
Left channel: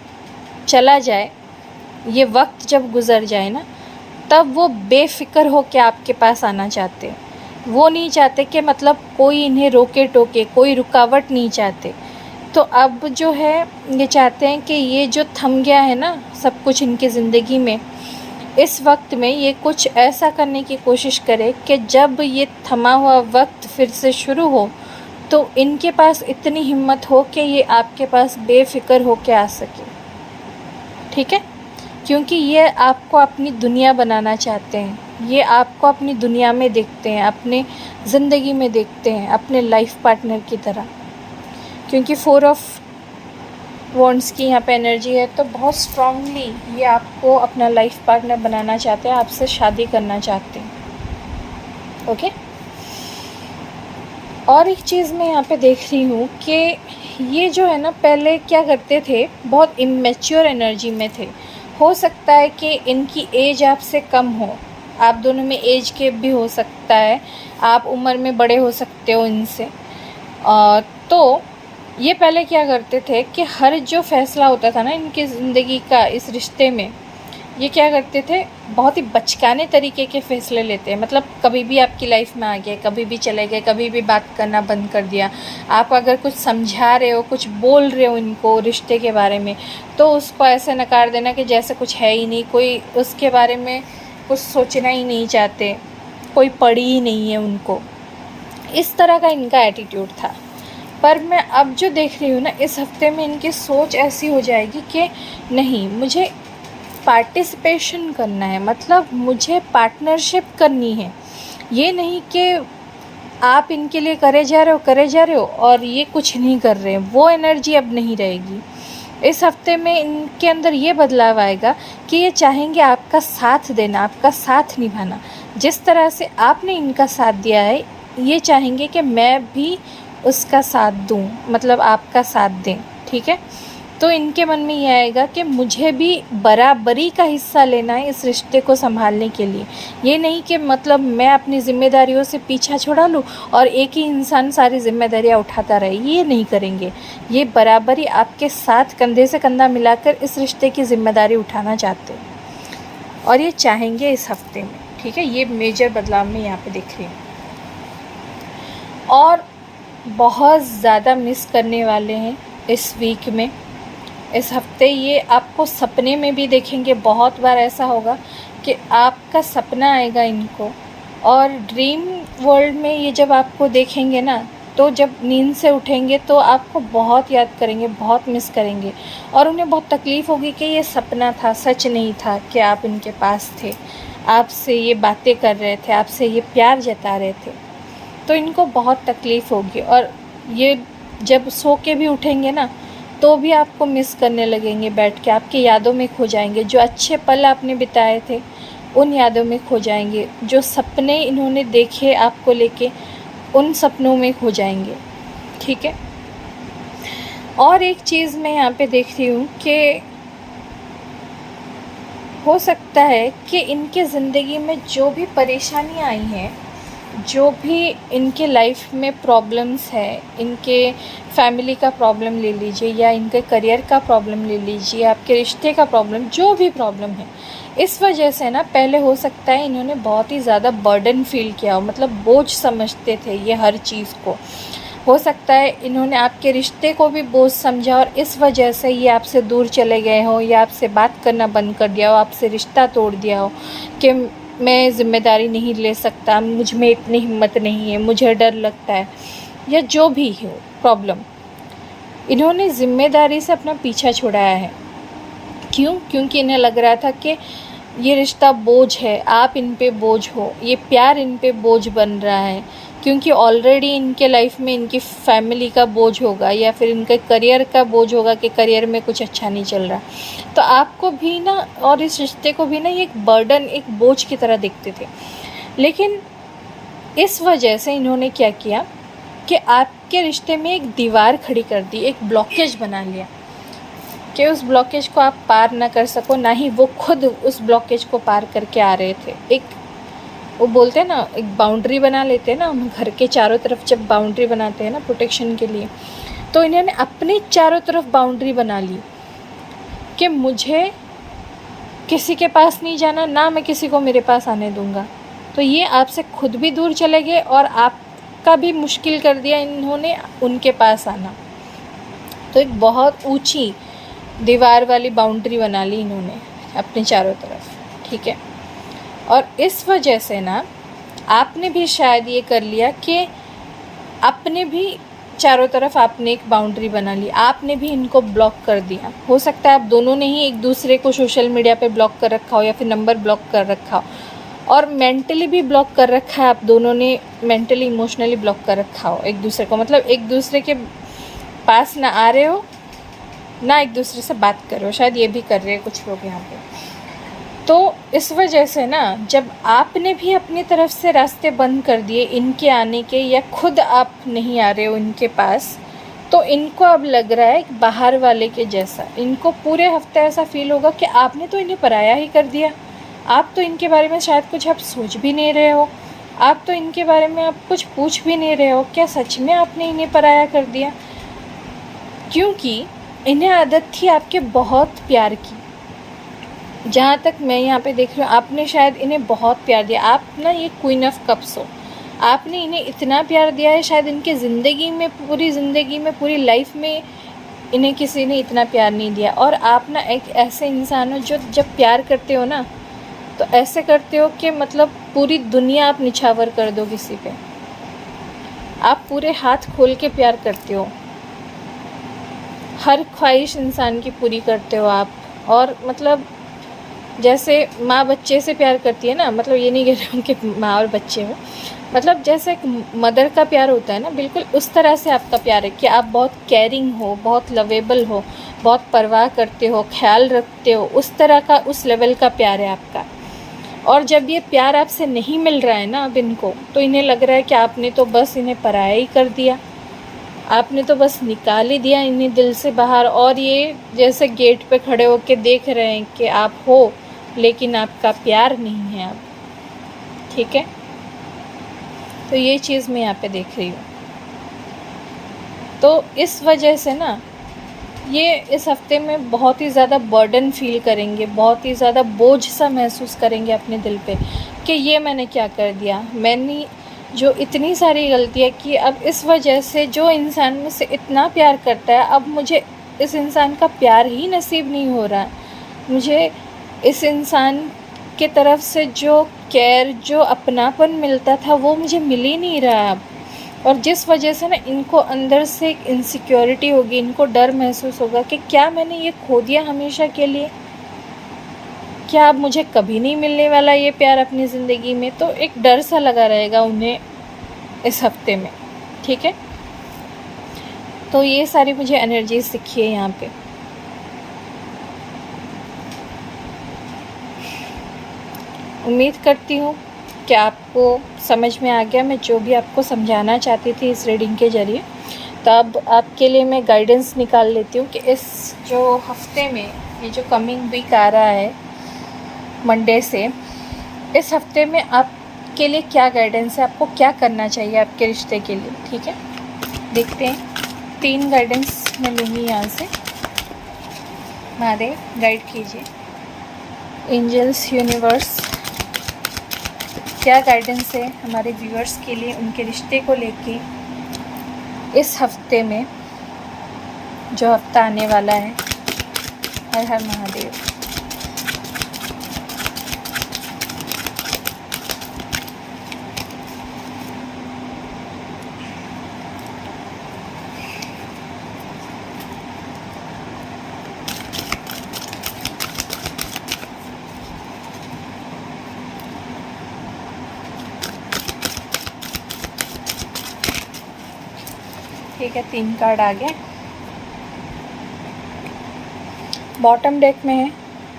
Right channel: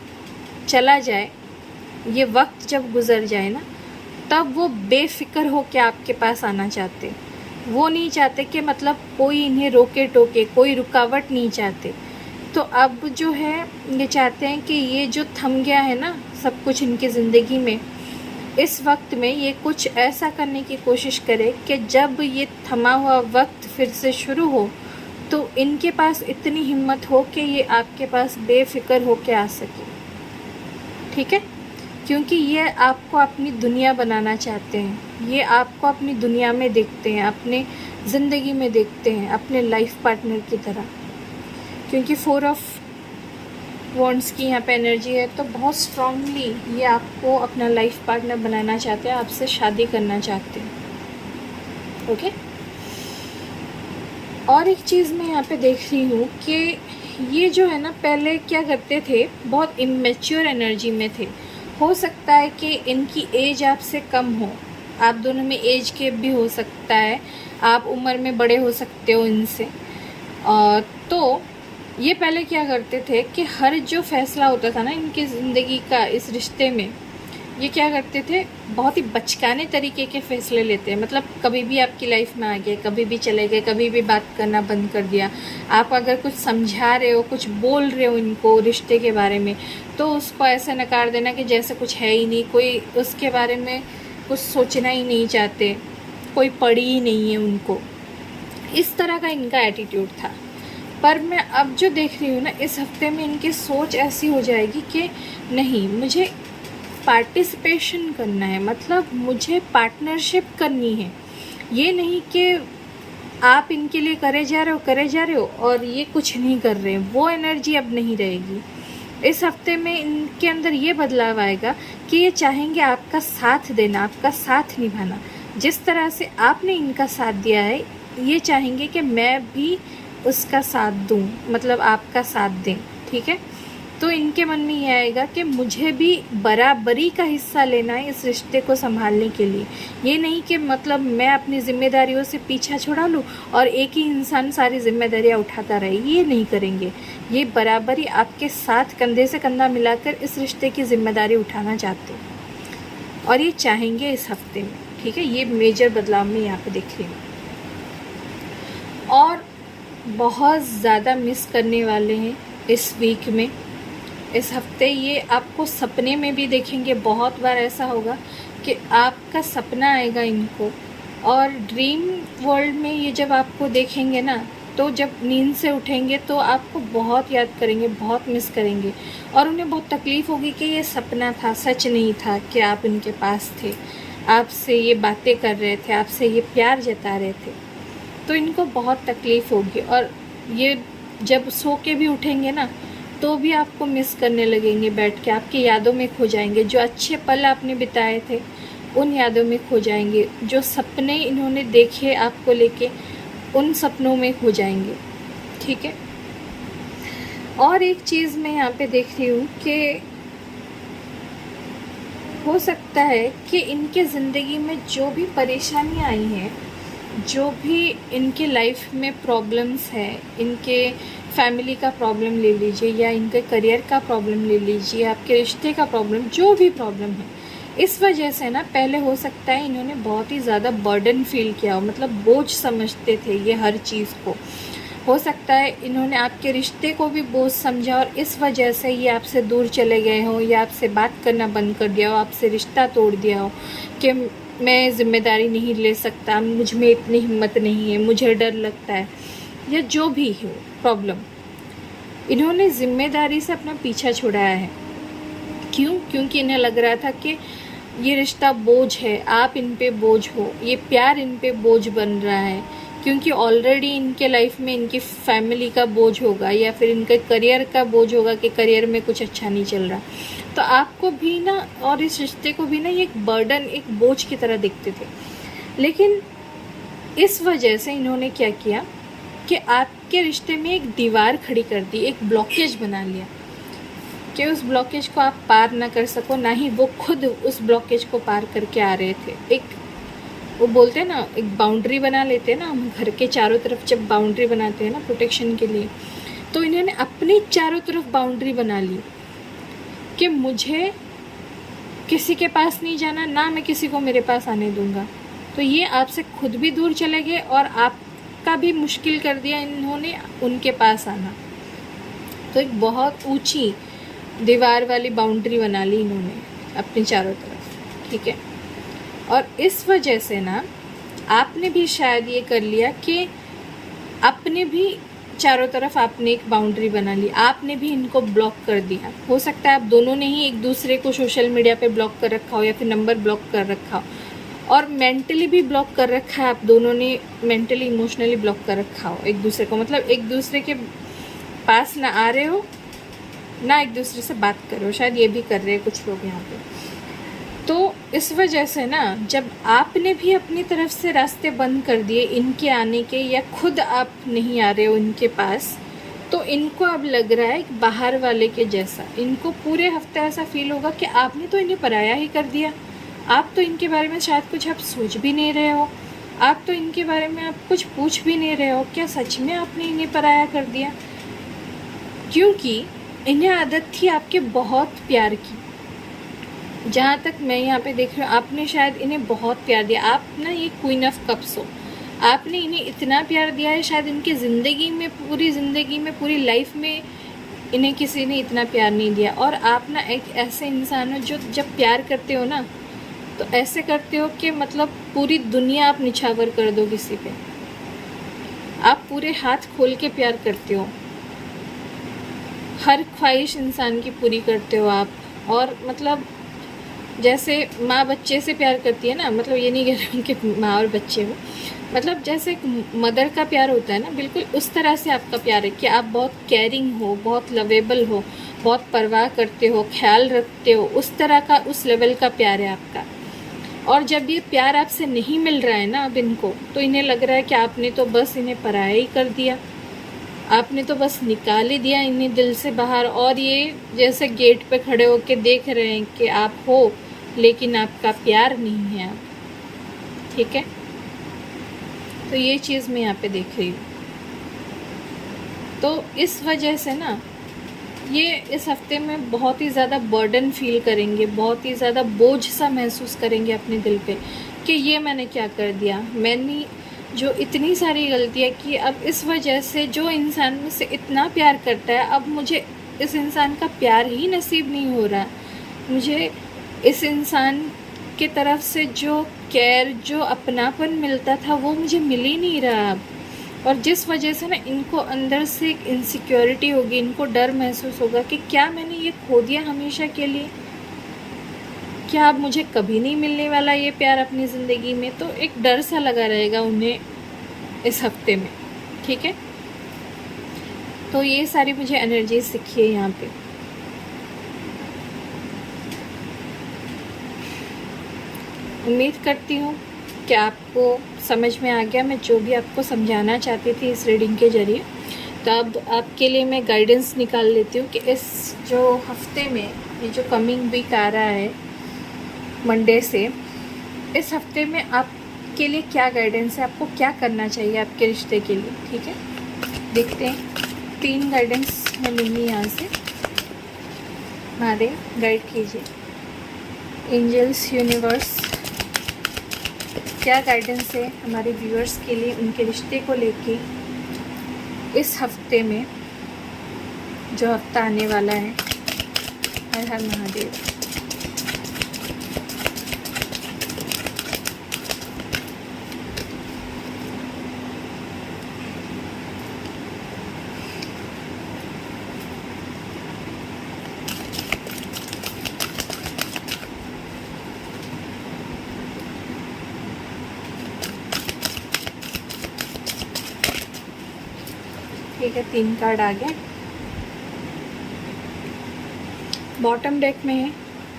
चला जाए, ये वक्त जब गुज़र जाए ना, तब वो बेफ़िक्र हो के आपके पास आना चाहते हैं। वो नहीं चाहते कि मतलब कोई इन्हें रोके टोके, कोई रुकावट नहीं चाहते। तो अब जो है ये चाहते हैं कि ये जो थम गया है ना सब कुछ इनकी ज़िंदगी में, इस वक्त में ये कुछ ऐसा करने की कोशिश करे कि जब ये थमा हुआ वक्त फिर से शुरू हो तो इनके पास इतनी हिम्मत हो कि ये आपके पास बेफ़िक्र हो के आ सके। ठीक है, क्योंकि ये आपको अपनी दुनिया बनाना चाहते हैं, ये आपको अपनी दुनिया में देखते हैं, अपने ज़िंदगी में देखते हैं, अपने लाइफ पार्टनर की तरह। क्योंकि 4 ऑफ वॉन्ड्स की यहाँ पे एनर्जी है, तो बहुत स्ट्रांगली ये आपको अपना लाइफ पार्टनर बनाना चाहते हैं, आपसे शादी करना चाहते हैं। ओके, और एक चीज़ मैं यहाँ पे देख रही हूँ कि ये जो है ना पहले क्या करते थे, बहुत इमेच्योर एनर्जी में थे। हो सकता है कि इनकी एज आपसे कम हो, आप दोनों में एज गैप भी हो सकता है, आप उम्र में बड़े हो सकते हो इनसे। तो ये पहले क्या करते थे कि हर जो फैसला होता था ना इनकी ज़िंदगी का इस रिश्ते में, ये क्या करते थे, बहुत ही बचकाने तरीके के फ़ैसले लेते हैं। मतलब कभी भी आपकी लाइफ में आ गए, कभी भी चले गए, कभी भी बात करना बंद कर दिया। आप अगर कुछ समझा रहे हो, कुछ बोल रहे हो इनको रिश्ते के बारे में, तो उसको ऐसे नकार देना कि जैसे कुछ है ही नहीं, कोई उसके बारे में कुछ सोचना ही नहीं चाहते, कोई पड़ी ही नहीं है उनको। इस तरह का इनका एटीट्यूड था। पर मैं अब जो देख रही हूँ ना, इस हफ्ते में इनकी सोच ऐसी हो जाएगी कि नहीं, मुझे पार्टिसिपेशन करना है, मतलब मुझे पार्टनरशिप करनी है। ये नहीं कि आप इनके लिए करे जा रहे हो और ये कुछ नहीं कर रहे, वो एनर्जी अब नहीं रहेगी। इस हफ्ते में इनके अंदर ये बदलाव आएगा कि ये चाहेंगे आपका साथ देना, आपका साथ निभाना। जिस तरह से आपने इनका साथ दिया है, ये चाहेंगे कि मैं भी उसका साथ दूं, मतलब आपका साथ दें। ठीक है, तो इनके मन में ये आएगा कि मुझे भी बराबरी का हिस्सा लेना है इस रिश्ते को संभालने के लिए। ये नहीं कि मतलब मैं अपनी जिम्मेदारियों से पीछा छुड़ा लूँ और एक ही इंसान सारी जिम्मेदारियाँ उठाता रहे, ये नहीं करेंगे। ये बराबरी आपके साथ कंधे से कंधा मिलाकर इस रिश्ते की जिम्मेदारी उठाना चाहते हैं और ये चाहेंगे इस हफ्ते में। ठीक है, ये मेजर बदलाव मैं यहाँ पे देख रही हूँ। और बहुत ज़्यादा मिस करने वाले हैं इस वीक में, इस हफ्ते। ये आपको सपने में भी देखेंगे, बहुत बार ऐसा होगा कि आपका सपना आएगा इनको, और ड्रीम वर्ल्ड में ये जब आपको देखेंगे ना, तो जब नींद से उठेंगे तो आपको बहुत याद करेंगे, बहुत मिस करेंगे, और उन्हें बहुत तकलीफ़ होगी कि ये सपना था, सच नहीं था कि आप इनके पास थे, आपसे ये बातें कर रहे थे, आपसे ये प्यार जता रहे थे। तो इनको बहुत तकलीफ़ होगी, और ये जब सो के भी उठेंगे ना, तो भी आपको मिस करने लगेंगे, बैठ के आपकी यादों में खो जाएंगे। जो अच्छे पल आपने बिताए थे उन यादों में खो जाएंगे, जो सपने इन्होंने देखे आपको लेके उन सपनों में खो जाएंगे। ठीक है, और एक चीज़ मैं यहाँ पे देख रही हूँ कि हो सकता है कि इनके ज़िंदगी में जो भी परेशानियाँ आई हैं, जो भी इनके लाइफ में प्रॉब्लम्स है, इनके फैमिली का प्रॉब्लम ले लीजिए या इनके करियर का प्रॉब्लम ले लीजिए, आपके रिश्ते का प्रॉब्लम, जो भी प्रॉब्लम है, इस वजह से ना पहले हो सकता है इन्होंने बहुत ही ज़्यादा बर्डन फील किया हो, मतलब बोझ समझते थे ये हर चीज़ को। हो सकता है इन्होंने आपके रिश्ते को भी बोझ समझा और इस वजह से ये आपसे दूर चले गए हो या आपसे बात करना बंद कर दिया हो, आपसे रिश्ता तोड़ दिया हो कि मैं ज़िम्मेदारी नहीं ले सकता, मुझ में इतनी हिम्मत नहीं है, मुझे डर लगता है, या जो भी हो प्रॉब्लम, इन्होंने ज़िम्मेदारी से अपना पीछा छुड़ाया है। क्यों? क्योंकि इन्हें लग रहा था कि ये रिश्ता बोझ है, आप इन पे बोझ हो, ये प्यार इन पे बोझ बन रहा है, क्योंकि ऑलरेडी इनके लाइफ में इनकी फैमिली का बोझ होगा या फिर इनके करियर का बोझ होगा कि करियर में कुछ अच्छा नहीं चल रहा। तो आपको भी ना और इस रिश्ते को भी ना ये एक बर्डन, एक बोझ की तरह दिखते थे। लेकिन इस वजह से इन्होंने क्या किया कि आपके रिश्ते में एक दीवार खड़ी कर दी, एक ब्लॉकेज बना लिया कि उस ब्लॉकेज को आप पार ना कर सको, ना ही वो खुद उस ब्लॉकेज को पार करके आ रहे थे। एक वो बोलते हैं ना, एक बाउंड्री बना लेते हैं ना हम घर के चारों तरफ, जब बाउंड्री बनाते हैं ना प्रोटेक्शन के लिए, तो इन्होंने अपने चारों तरफ बाउंड्री बना ली कि मुझे किसी के पास नहीं जाना, ना मैं किसी को मेरे पास आने दूंगा। तो ये आपसे खुद भी दूर चले गए और आपका भी मुश्किल कर दिया इन्होंने उनके पास आना। तो एक बहुत ऊंची दीवार वाली बाउंड्री बना ली इन्होंने अपने चारों तरफ, ठीक है। और इस वजह से ना आपने भी शायद ये कर लिया कि आपने भी चारों तरफ आपने एक बाउंड्री बना ली, आपने भी इनको ब्लॉक कर दिया। हो सकता है आप दोनों ने ही एक दूसरे को सोशल मीडिया पे ब्लॉक कर रखा हो या फिर नंबर ब्लॉक कर रखा हो, और मेंटली भी ब्लॉक कर रखा है, आप दोनों ने मेंटली इमोशनली ब्लॉक कर रखा हो एक दूसरे को, मतलब एक दूसरे के पास ना आ रहे हो ना एक दूसरे से बात कर रहे हो, शायद ये भी कर रहे हैं कुछ लोग यहाँ पे। तो इस वजह से ना जब आपने भी अपनी तरफ से रास्ते बंद कर दिए इनके आने के, या खुद आप नहीं आ रहे हो इनके पास, तो इनको अब लग रहा है कि बाहर वाले के जैसा, इनको पूरे हफ्ते ऐसा फील होगा कि आपने तो इन्हें पराया ही कर दिया। आप तो इनके बारे में शायद कुछ आप सोच भी नहीं रहे हो, आप तो इनके बारे में आप कुछ पूछ भी नहीं रहे हो, क्या सच में आपने इन्हें पराया कर दिया? क्योंकि इन्हें आदत थी आपके बहुत प्यार की। जहाँ तक मैं यहाँ पे देख रही हूँ, आपने शायद इन्हें बहुत प्यार दिया। आप ना ये क्वीन ऑफ कप्स हो, आपने इन्हें इतना प्यार दिया है, शायद इनके ज़िंदगी में, पूरी ज़िंदगी में, पूरी लाइफ में इन्हें किसी ने इतना प्यार नहीं दिया। और आप ना एक ऐसे इंसान हो जो जब प्यार करते हो ना, तो ऐसे करते हो कि मतलब पूरी दुनिया आप निछावर कर दो किसी पे। आप पूरे हाथ खोल के प्यार करते हो, हर ख्वाहिश इंसान की पूरी करते हो आप। और मतलब जैसे माँ बच्चे से प्यार करती है ना, मतलब ये नहीं कह रही हूँ कि माँ और बच्चे हो, मतलब जैसे एक मदर का प्यार होता है ना, बिल्कुल उस तरह से आपका प्यार है कि आप बहुत केयरिंग हो, बहुत लवेबल हो, बहुत परवाह करते हो, ख्याल रखते हो, उस तरह का, उस लेवल का प्यार है आपका। और जब ये प्यार आपसे नहीं मिल रहा है ना अब इनको, तो इन्हें लग रहा है कि आपने तो बस इन्हें पराया ही कर दिया, आपने तो बस निकाल ही दिया इन्हें दिल से बाहर। और ये जैसे गेट पे खड़े होके देख रहे हैं कि आप हो, लेकिन आपका प्यार नहीं है अब, ठीक है। तो ये चीज़ मैं यहाँ पे देख रही हूँ। तो इस वजह से ना ये इस हफ्ते में बहुत ही ज़्यादा बर्डन फील करेंगे, बहुत ही ज़्यादा बोझ सा महसूस करेंगे अपने दिल पे कि ये मैंने क्या कर दिया, मैंने जो इतनी सारी गलतियाँ की, अब इस वजह से जो इंसान मुझसे इतना प्यार करता है, अब मुझे इस इंसान का प्यार ही नसीब नहीं हो रहा, मुझे इस इंसान के तरफ से जो केयर, जो अपनापन मिलता था, वो मुझे मिल ही नहीं रहा अब। और जिस वजह से ना इनको अंदर से एक इनसिक्योरिटी होगी, इनको डर महसूस होगा कि क्या मैंने ये खो दिया हमेशा के लिए, क्या अब मुझे कभी नहीं मिलने वाला ये प्यार अपनी ज़िंदगी में। तो एक डर सा लगा रहेगा उन्हें इस हफ्ते में, ठीक है। तो ये सारी मुझे एनर्जी सीखी है यहाँ पे। उम्मीद करती हूँ कि आपको समझ में आ गया मैं जो भी आपको समझाना चाहती थी इस रीडिंग के ज़रिए। तो अब आपके लिए मैं गाइडेंस निकाल लेती हूँ कि इस जो हफ्ते में, ये जो कमिंग वीक आ रहा है मंडे से, इस हफ्ते में आपके लिए क्या गाइडेंस है, आपको क्या करना चाहिए आपके रिश्ते के लिए। ठीक है, देखते हैं। 3 गाइडेंस मैं लूँगी यहाँ से। महादेव गाइड कीजिए, एंजल्स, यूनिवर्स, क्या गाइडेंस है हमारे व्यूअर्स के लिए उनके रिश्ते को लेके इस हफ्ते में, जो हफ्ता आने वाला है। हर हर महादेव। ठीक है, 3 कार्ड आ गए। बॉटम डेक में है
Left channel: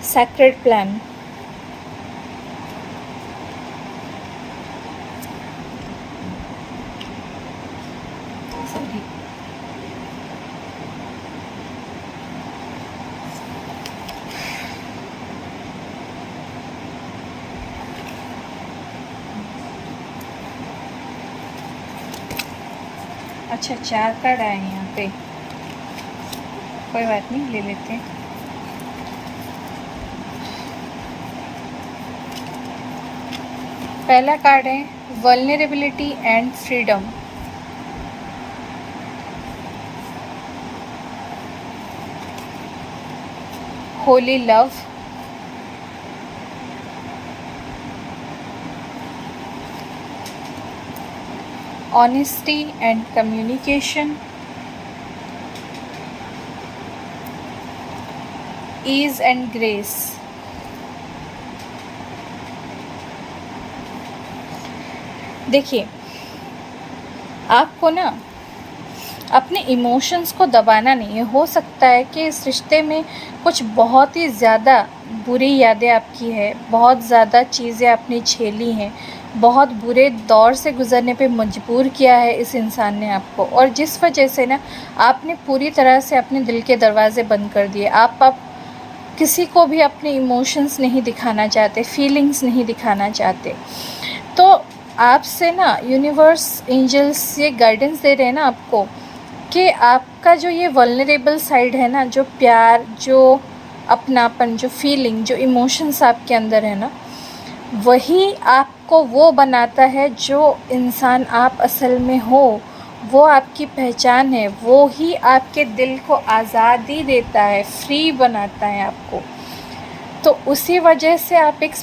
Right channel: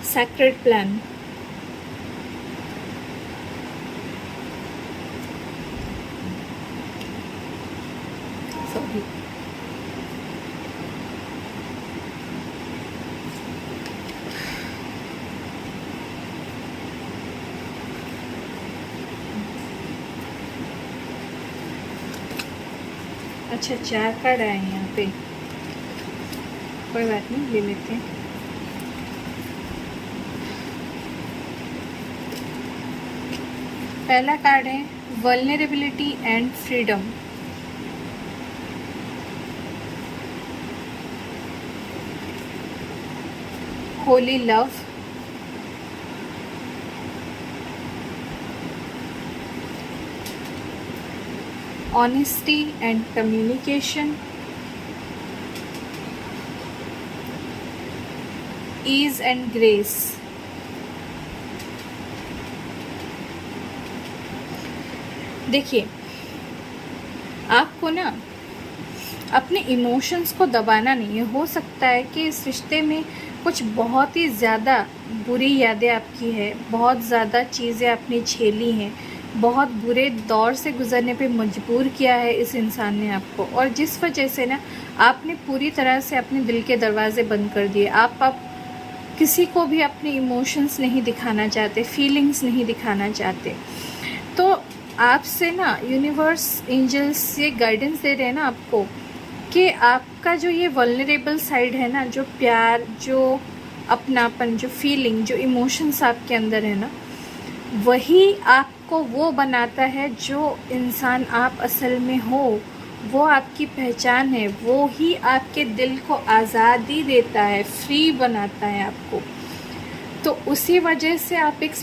सैक्रेड प्लान। अच्छा, 4 कार्ड आए हैं यहाँ पे, कोई बात नहीं, ले लेते हैं। पहला कार्ड है vulnerability and freedom. Holi love, honesty and communication, ease and grace। देखिए, आपको ना अपने इमोशंस को दबाना नहीं है। हो सकता है कि इस रिश्ते में कुछ बहुत ही ज़्यादा बुरी यादें आपकी है, बहुत ज़्यादा चीज़ें आपने झेली हैं, बहुत बुरे दौर से गुज़रने पे मजबूर किया है इस इंसान ने आपको, और जिस वजह से ना आपने पूरी तरह से अपने दिल के दरवाज़े बंद कर दिए। आप किसी को भी अपने इमोशंस नहीं दिखाना चाहते, फीलिंग्स नहीं दिखाना चाहते। तो आपसे ना यूनिवर्स, एंजल्स ये गाइडेंस दे रहे हैं ना आपको कि आपका जो ये वल्नरेबल साइड है ना, जो प्यार, जो अपनापन, जो फीलिंग, जो इमोशंस आपके अंदर है ना, वही आपको वो बनाता है जो इंसान आप असल में हो। वो आपकी पहचान है, वो ही आपके दिल को आज़ादी देता है, फ्री बनाता है आपको। तो उसी वजह से आप एक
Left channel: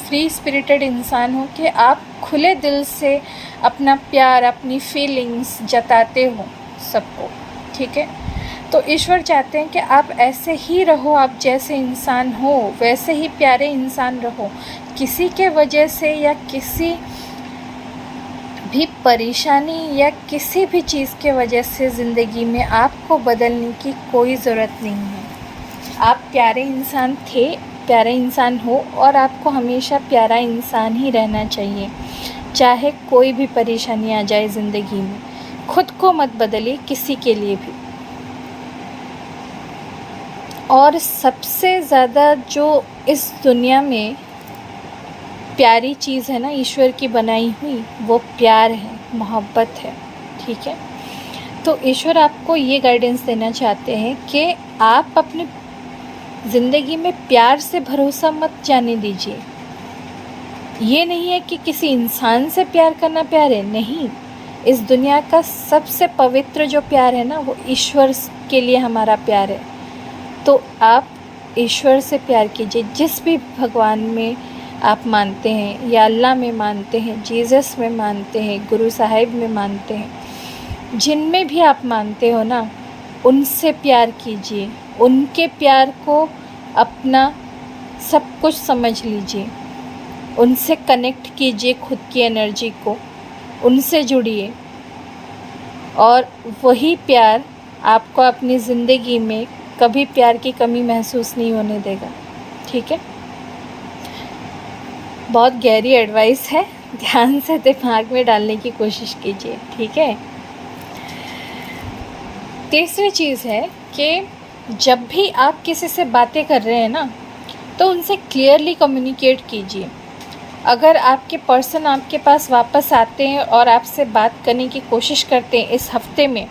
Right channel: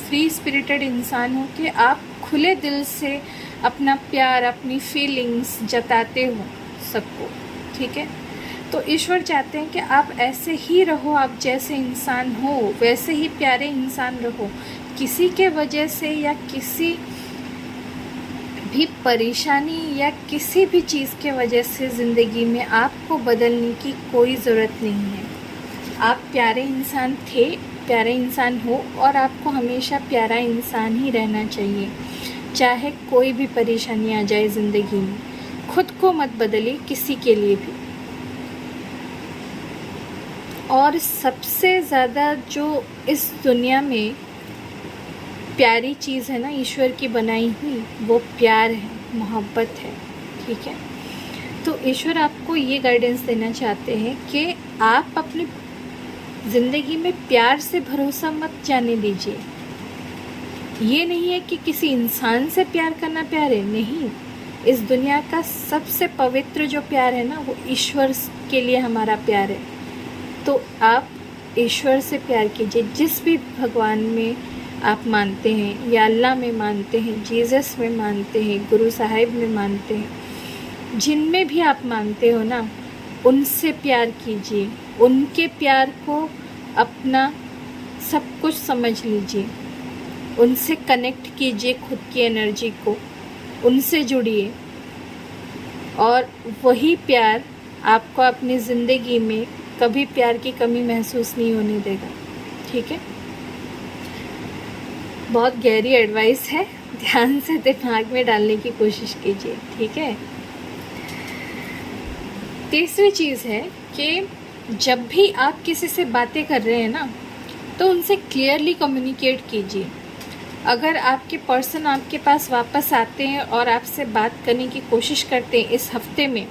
फ्री स्पिरिटेड इंसान हो कि आप खुले दिल से अपना प्यार, अपनी फीलिंग्स जताते हो सबको। ठीक है, तो ईश्वर चाहते हैं कि आप ऐसे ही रहो, आप जैसे इंसान हो वैसे ही प्यारे इंसान रहो। किसी के वजह से या किसी भी परेशानी या किसी भी चीज़ के वजह से ज़िंदगी में आपको बदलने की कोई ज़रूरत नहीं है। आप प्यारे इंसान थे, प्यारे इंसान हो, और आपको हमेशा प्यारा इंसान ही रहना चाहिए, चाहे कोई भी परेशानी आ जाए ज़िंदगी में। खुद को मत बदलिए किसी के लिए भी। और सबसे ज़्यादा जो इस दुनिया में प्यारी चीज़ है ना ईश्वर की बनाई हुई, वो प्यार है, मोहब्बत है। ठीक है, तो ईश्वर आपको ये गाइडेंस देना चाहते हैं कि आप अपनी ज़िंदगी में प्यार से भरोसा मत जाने दीजिए। ये नहीं है कि किसी इंसान से प्यार करना प्यार है, नहीं। इस दुनिया का सबसे पवित्र जो प्यार है ना, वो ईश्वर के लिए हमारा प्यार है। तो आप ईश्वर से प्यार कीजिए। जिस भी भगवान में आप मानते हैं, या अल्लाह में मानते हैं, जीसस में मानते हैं, गुरु साहिब में मानते हैं, जिनमें भी आप मानते हो ना, उनसे प्यार कीजिए। उनके प्यार को अपना सब कुछ समझ लीजिए। उनसे कनेक्ट कीजिए खुद की एनर्जी को, उनसे जुड़िए, और वही प्यार आपको अपनी ज़िंदगी में कभी प्यार की कमी महसूस नहीं होने देगा। ठीक है, बहुत गहरी एडवाइस है, ध्यान से दिमाग में डालने की कोशिश कीजिए। ठीक है, तीसरी चीज़ है कि जब भी आप किसी से बातें कर रहे हैं ना, तो उनसे क्लियरली कम्युनिकेट कीजिए। अगर आपके पर्सन आपके पास वापस आते हैं और आपसे बात करने की कोशिश करते हैं इस हफ्ते में,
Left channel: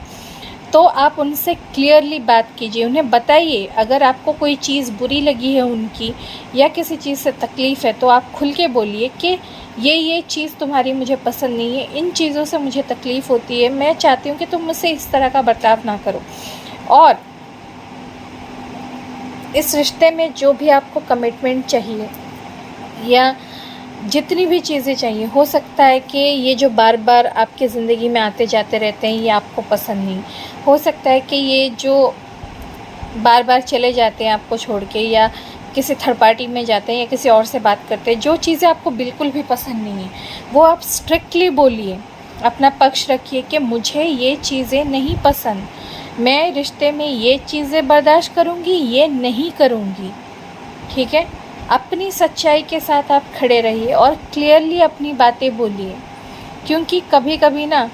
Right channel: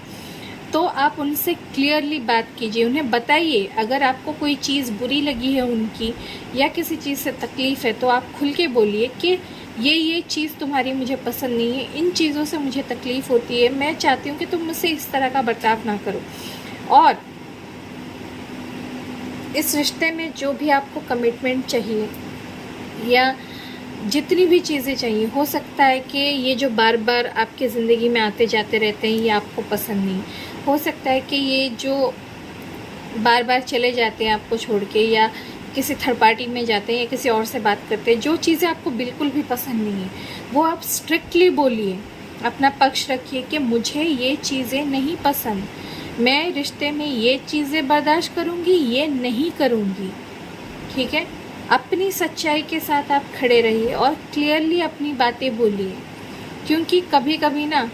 तो आप उनसे क्लियरली बात कीजिए, उन्हें बताइए। अगर आपको कोई चीज़ बुरी लगी है उनकी या किसी चीज़ से तकलीफ़ है, तो आप खुल के बोलिए कि ये चीज़ तुम्हारी मुझे पसंद नहीं है, इन चीज़ों से मुझे तकलीफ़ होती है, मैं चाहती हूँ कि तुम मुझसे इस तरह का बर्ताव ना करो। और इस रिश्ते में जो भी आपको कमिटमेंट चाहिए या जितनी भी चीज़ें चाहिए, हो सकता है कि ये जो बार बार आपकी ज़िंदगी में आते जाते रहते हैं ये आपको पसंद नहीं, हो सकता है कि ये जो बार बार चले जाते हैं आपको छोड़ के या किसी थर्ड पार्टी में जाते हैं या किसी और से बात करते हैं, जो चीज़ें आपको बिल्कुल भी पसंद नहीं है वो आप स्ट्रिक्टली बोलिए, अपना पक्ष रखिए कि मुझे ये चीज़ें नहीं पसंद, मैं रिश्ते में ये चीज़ें बर्दाश्त करूँगी, ये नहीं करूँगी। ठीक है, अपनी सच्चाई के साथ आप खड़े रहिए और क्लियरली अपनी बातें बोलिए, क्योंकि कभी कभी ना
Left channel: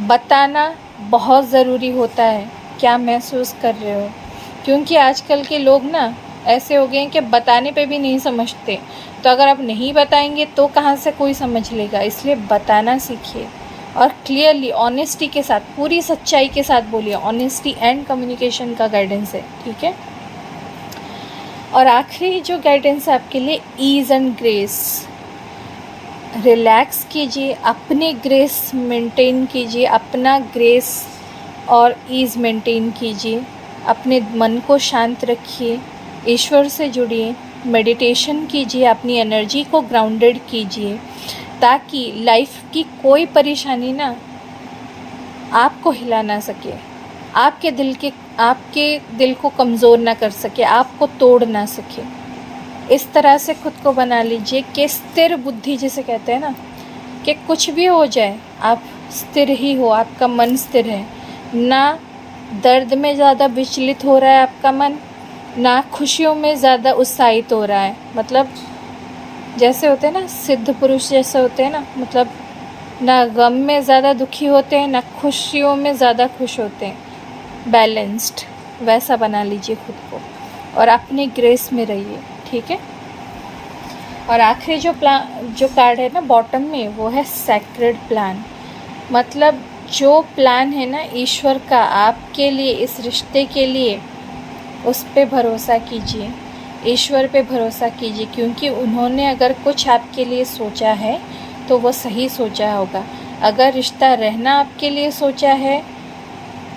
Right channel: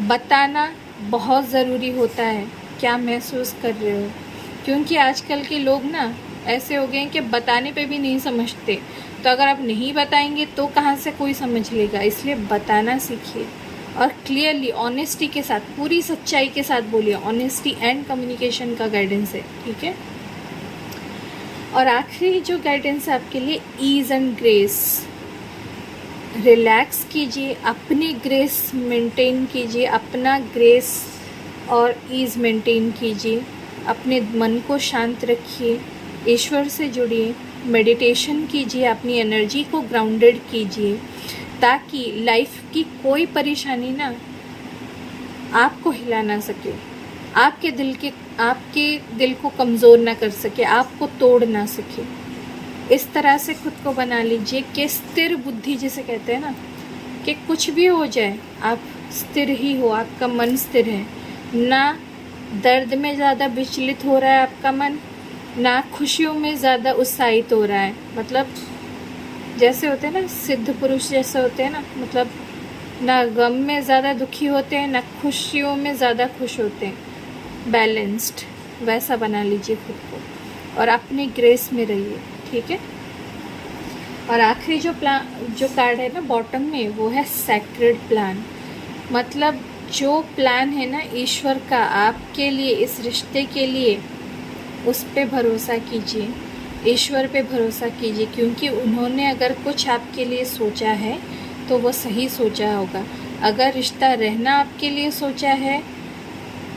बताना बहुत ज़रूरी होता है क्या महसूस कर रहे हो। क्योंकि आजकल के लोग ना ऐसे हो गए हैं कि बताने पे भी नहीं समझते, तो अगर आप नहीं बताएंगे तो कहाँ से कोई समझ लेगा। इसलिए बताना सीखिए और क्लियरली ऑनेस्टी के साथ, पूरी सच्चाई के साथ बोलिए। ऑनेस्टी एंड कम्युनिकेशन का गाइडेंस है। ठीक है, और आखिरी जो गाइडेंस है आपके लिए, ईज़ एंड ग्रेस। रिलैक्स कीजिए, अपने ग्रेस मेंटेन कीजिए, अपना ग्रेस और ईज़ मेंटेन कीजिए, अपने मन को शांत रखिए, ईश्वर से जुड़िए, मेडिटेशन कीजिए, अपनी एनर्जी को ग्राउंडेड कीजिए, ताकि लाइफ की कोई परेशानी ना आपको हिला ना सके, आपके दिल को कमज़ोर ना कर सके, आपको तोड़ ना सके। इस तरह से खुद को बना लीजिए कि स्थिर बुद्धि जिसे कहते हैं ना, कि कुछ भी हो जाए आप स्थिर ही हो, आपका मन स्थिर है, ना दर्द में ज़्यादा विचलित हो रहा है आपका मन, ना खुशियों में ज़्यादा उत्साहित हो रहा है। मतलब जैसे होते हैं ना सिद्ध पुरुष जैसे होते हैं ना, मतलब ना गम में ज़्यादा दुखी होते हैं, ना खुशियों में ज़्यादा खुश होते हैं, बैलेंस्ड, वैसा बना लीजिए खुद को और अपने ग्रेस में रहिए। ठीक है, और आखिरी जो कार्ड है ना बॉटम में, वो है सैक्रेड प्लान। मतलब जो प्लान है ना ईश्वर का आपके लिए, इस रिश्ते के लिए, उस पे भरोसा कीजिए, ईश्वर पे भरोसा कीजिए, क्योंकि उन्होंने अगर कुछ आपके लिए सोचा है तो वो सही सोचा होगा। अगर रिश्ता रहना आपके लिए सोचा है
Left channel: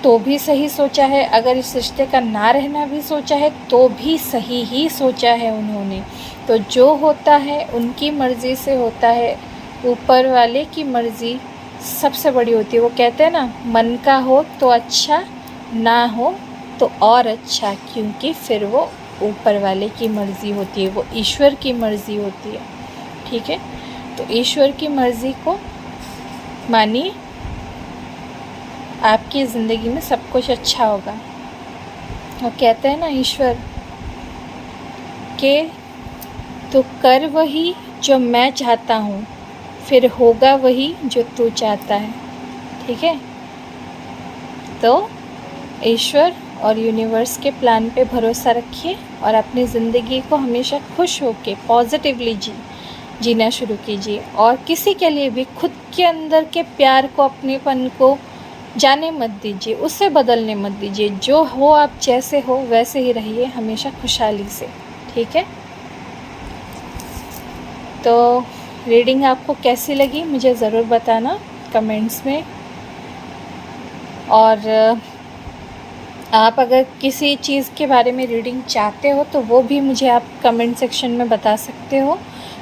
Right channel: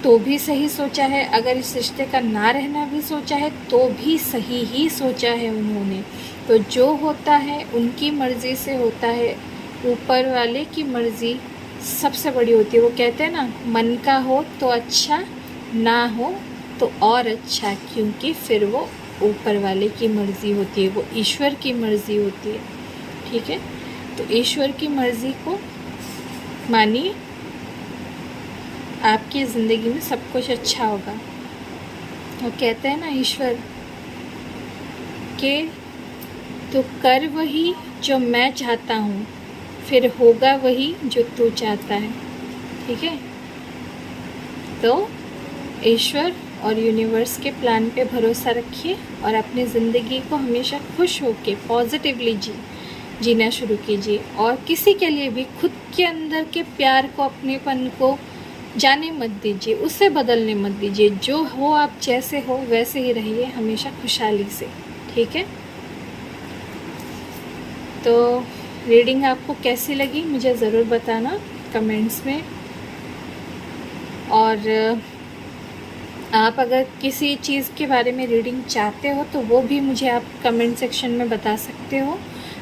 तो भी सही सोचा है, अगर इस रिश्ते का ना रहना भी सोचा है तो भी सही ही सोचा है उन्होंने। तो जो होता है उनकी मर्ज़ी से होता है, ऊपर वाले की मर्ज़ी सबसे बड़ी होती है। वो कहते हैं ना, मन का हो तो अच्छा, ना हो तो और अच्छा, क्योंकि फिर वो ऊपर वाले की मर्ज़ी होती है, वो ईश्वर की मर्ज़ी होती है। ठीक है, तो ईश्वर की मर्ज़ी को मानिए, आपकी ज़िंदगी में सब कुछ अच्छा होगा। वो कहते हैं ना ईश्वर के, तो कर वही जो मैं चाहता हूँ, फिर होगा वही जो तू चाहता है। ठीक है, तो ईश्वर और यूनिवर्स के प्लान पे भरोसा रखिए और अपनी ज़िंदगी को हमेशा खुश होकर पॉजिटिवली जीना शुरू कीजिए। और किसी के लिए भी खुद के अंदर के प्यार को, अपनेपन को जाने मत दीजिए, उससे बदलने मत दीजिए। जो हो आप जैसे हो वैसे ही रहिए, हमेशा खुशहाली से। ठीक है, तो रीडिंग आपको कैसी लगी मुझे ज़रूर बताना कमेंट्स में। और आप अगर किसी चीज़ के बारे में रीडिंग चाहते हो तो वो भी मुझे आप कमेंट सेक्शन में बता सकते हो।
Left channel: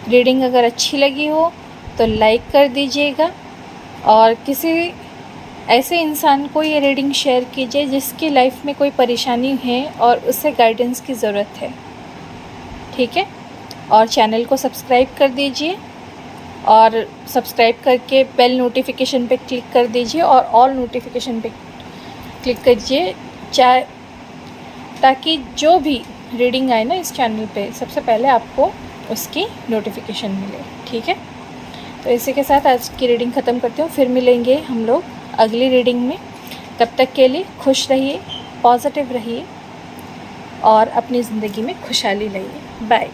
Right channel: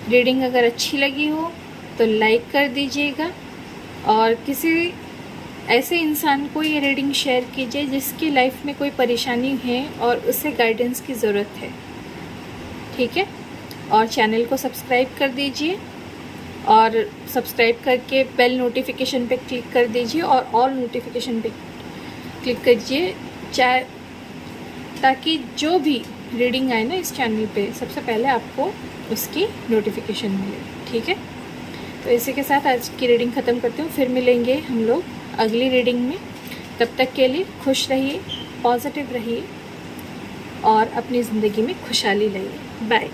रीडिंग अगर अच्छी लगी हो तो लाइक कर दीजिएगा और किसी ऐसे इंसान को ये रीडिंग शेयर कीजिए जिसकी लाइफ में कोई परेशानी है और उसे गाइडेंस की ज़रूरत है। ठीक है, और चैनल को सब्सक्राइब कर दीजिए और सब्सक्राइब करके बेल नोटिफिकेशन पे क्लिक कर दीजिए और ऑल नोटिफिकेशन पे क्लिक कीजिए, ताकि जो भी रीडिंग आए ना इस चैनल पे सबसे पहले आपको उसकी नोटिफिकेशन मिले। ठीक है, तो इसी के साथ आज की रीडिंग ख़त्म करती हूँ। फिर मिलेंगे हम लोग अगली रीडिंग में। तब तक के लिए खुश रहिए, पॉजिटिव रहिए और अपनी ज़िंदगी में खुशहाली लाइए। बाय।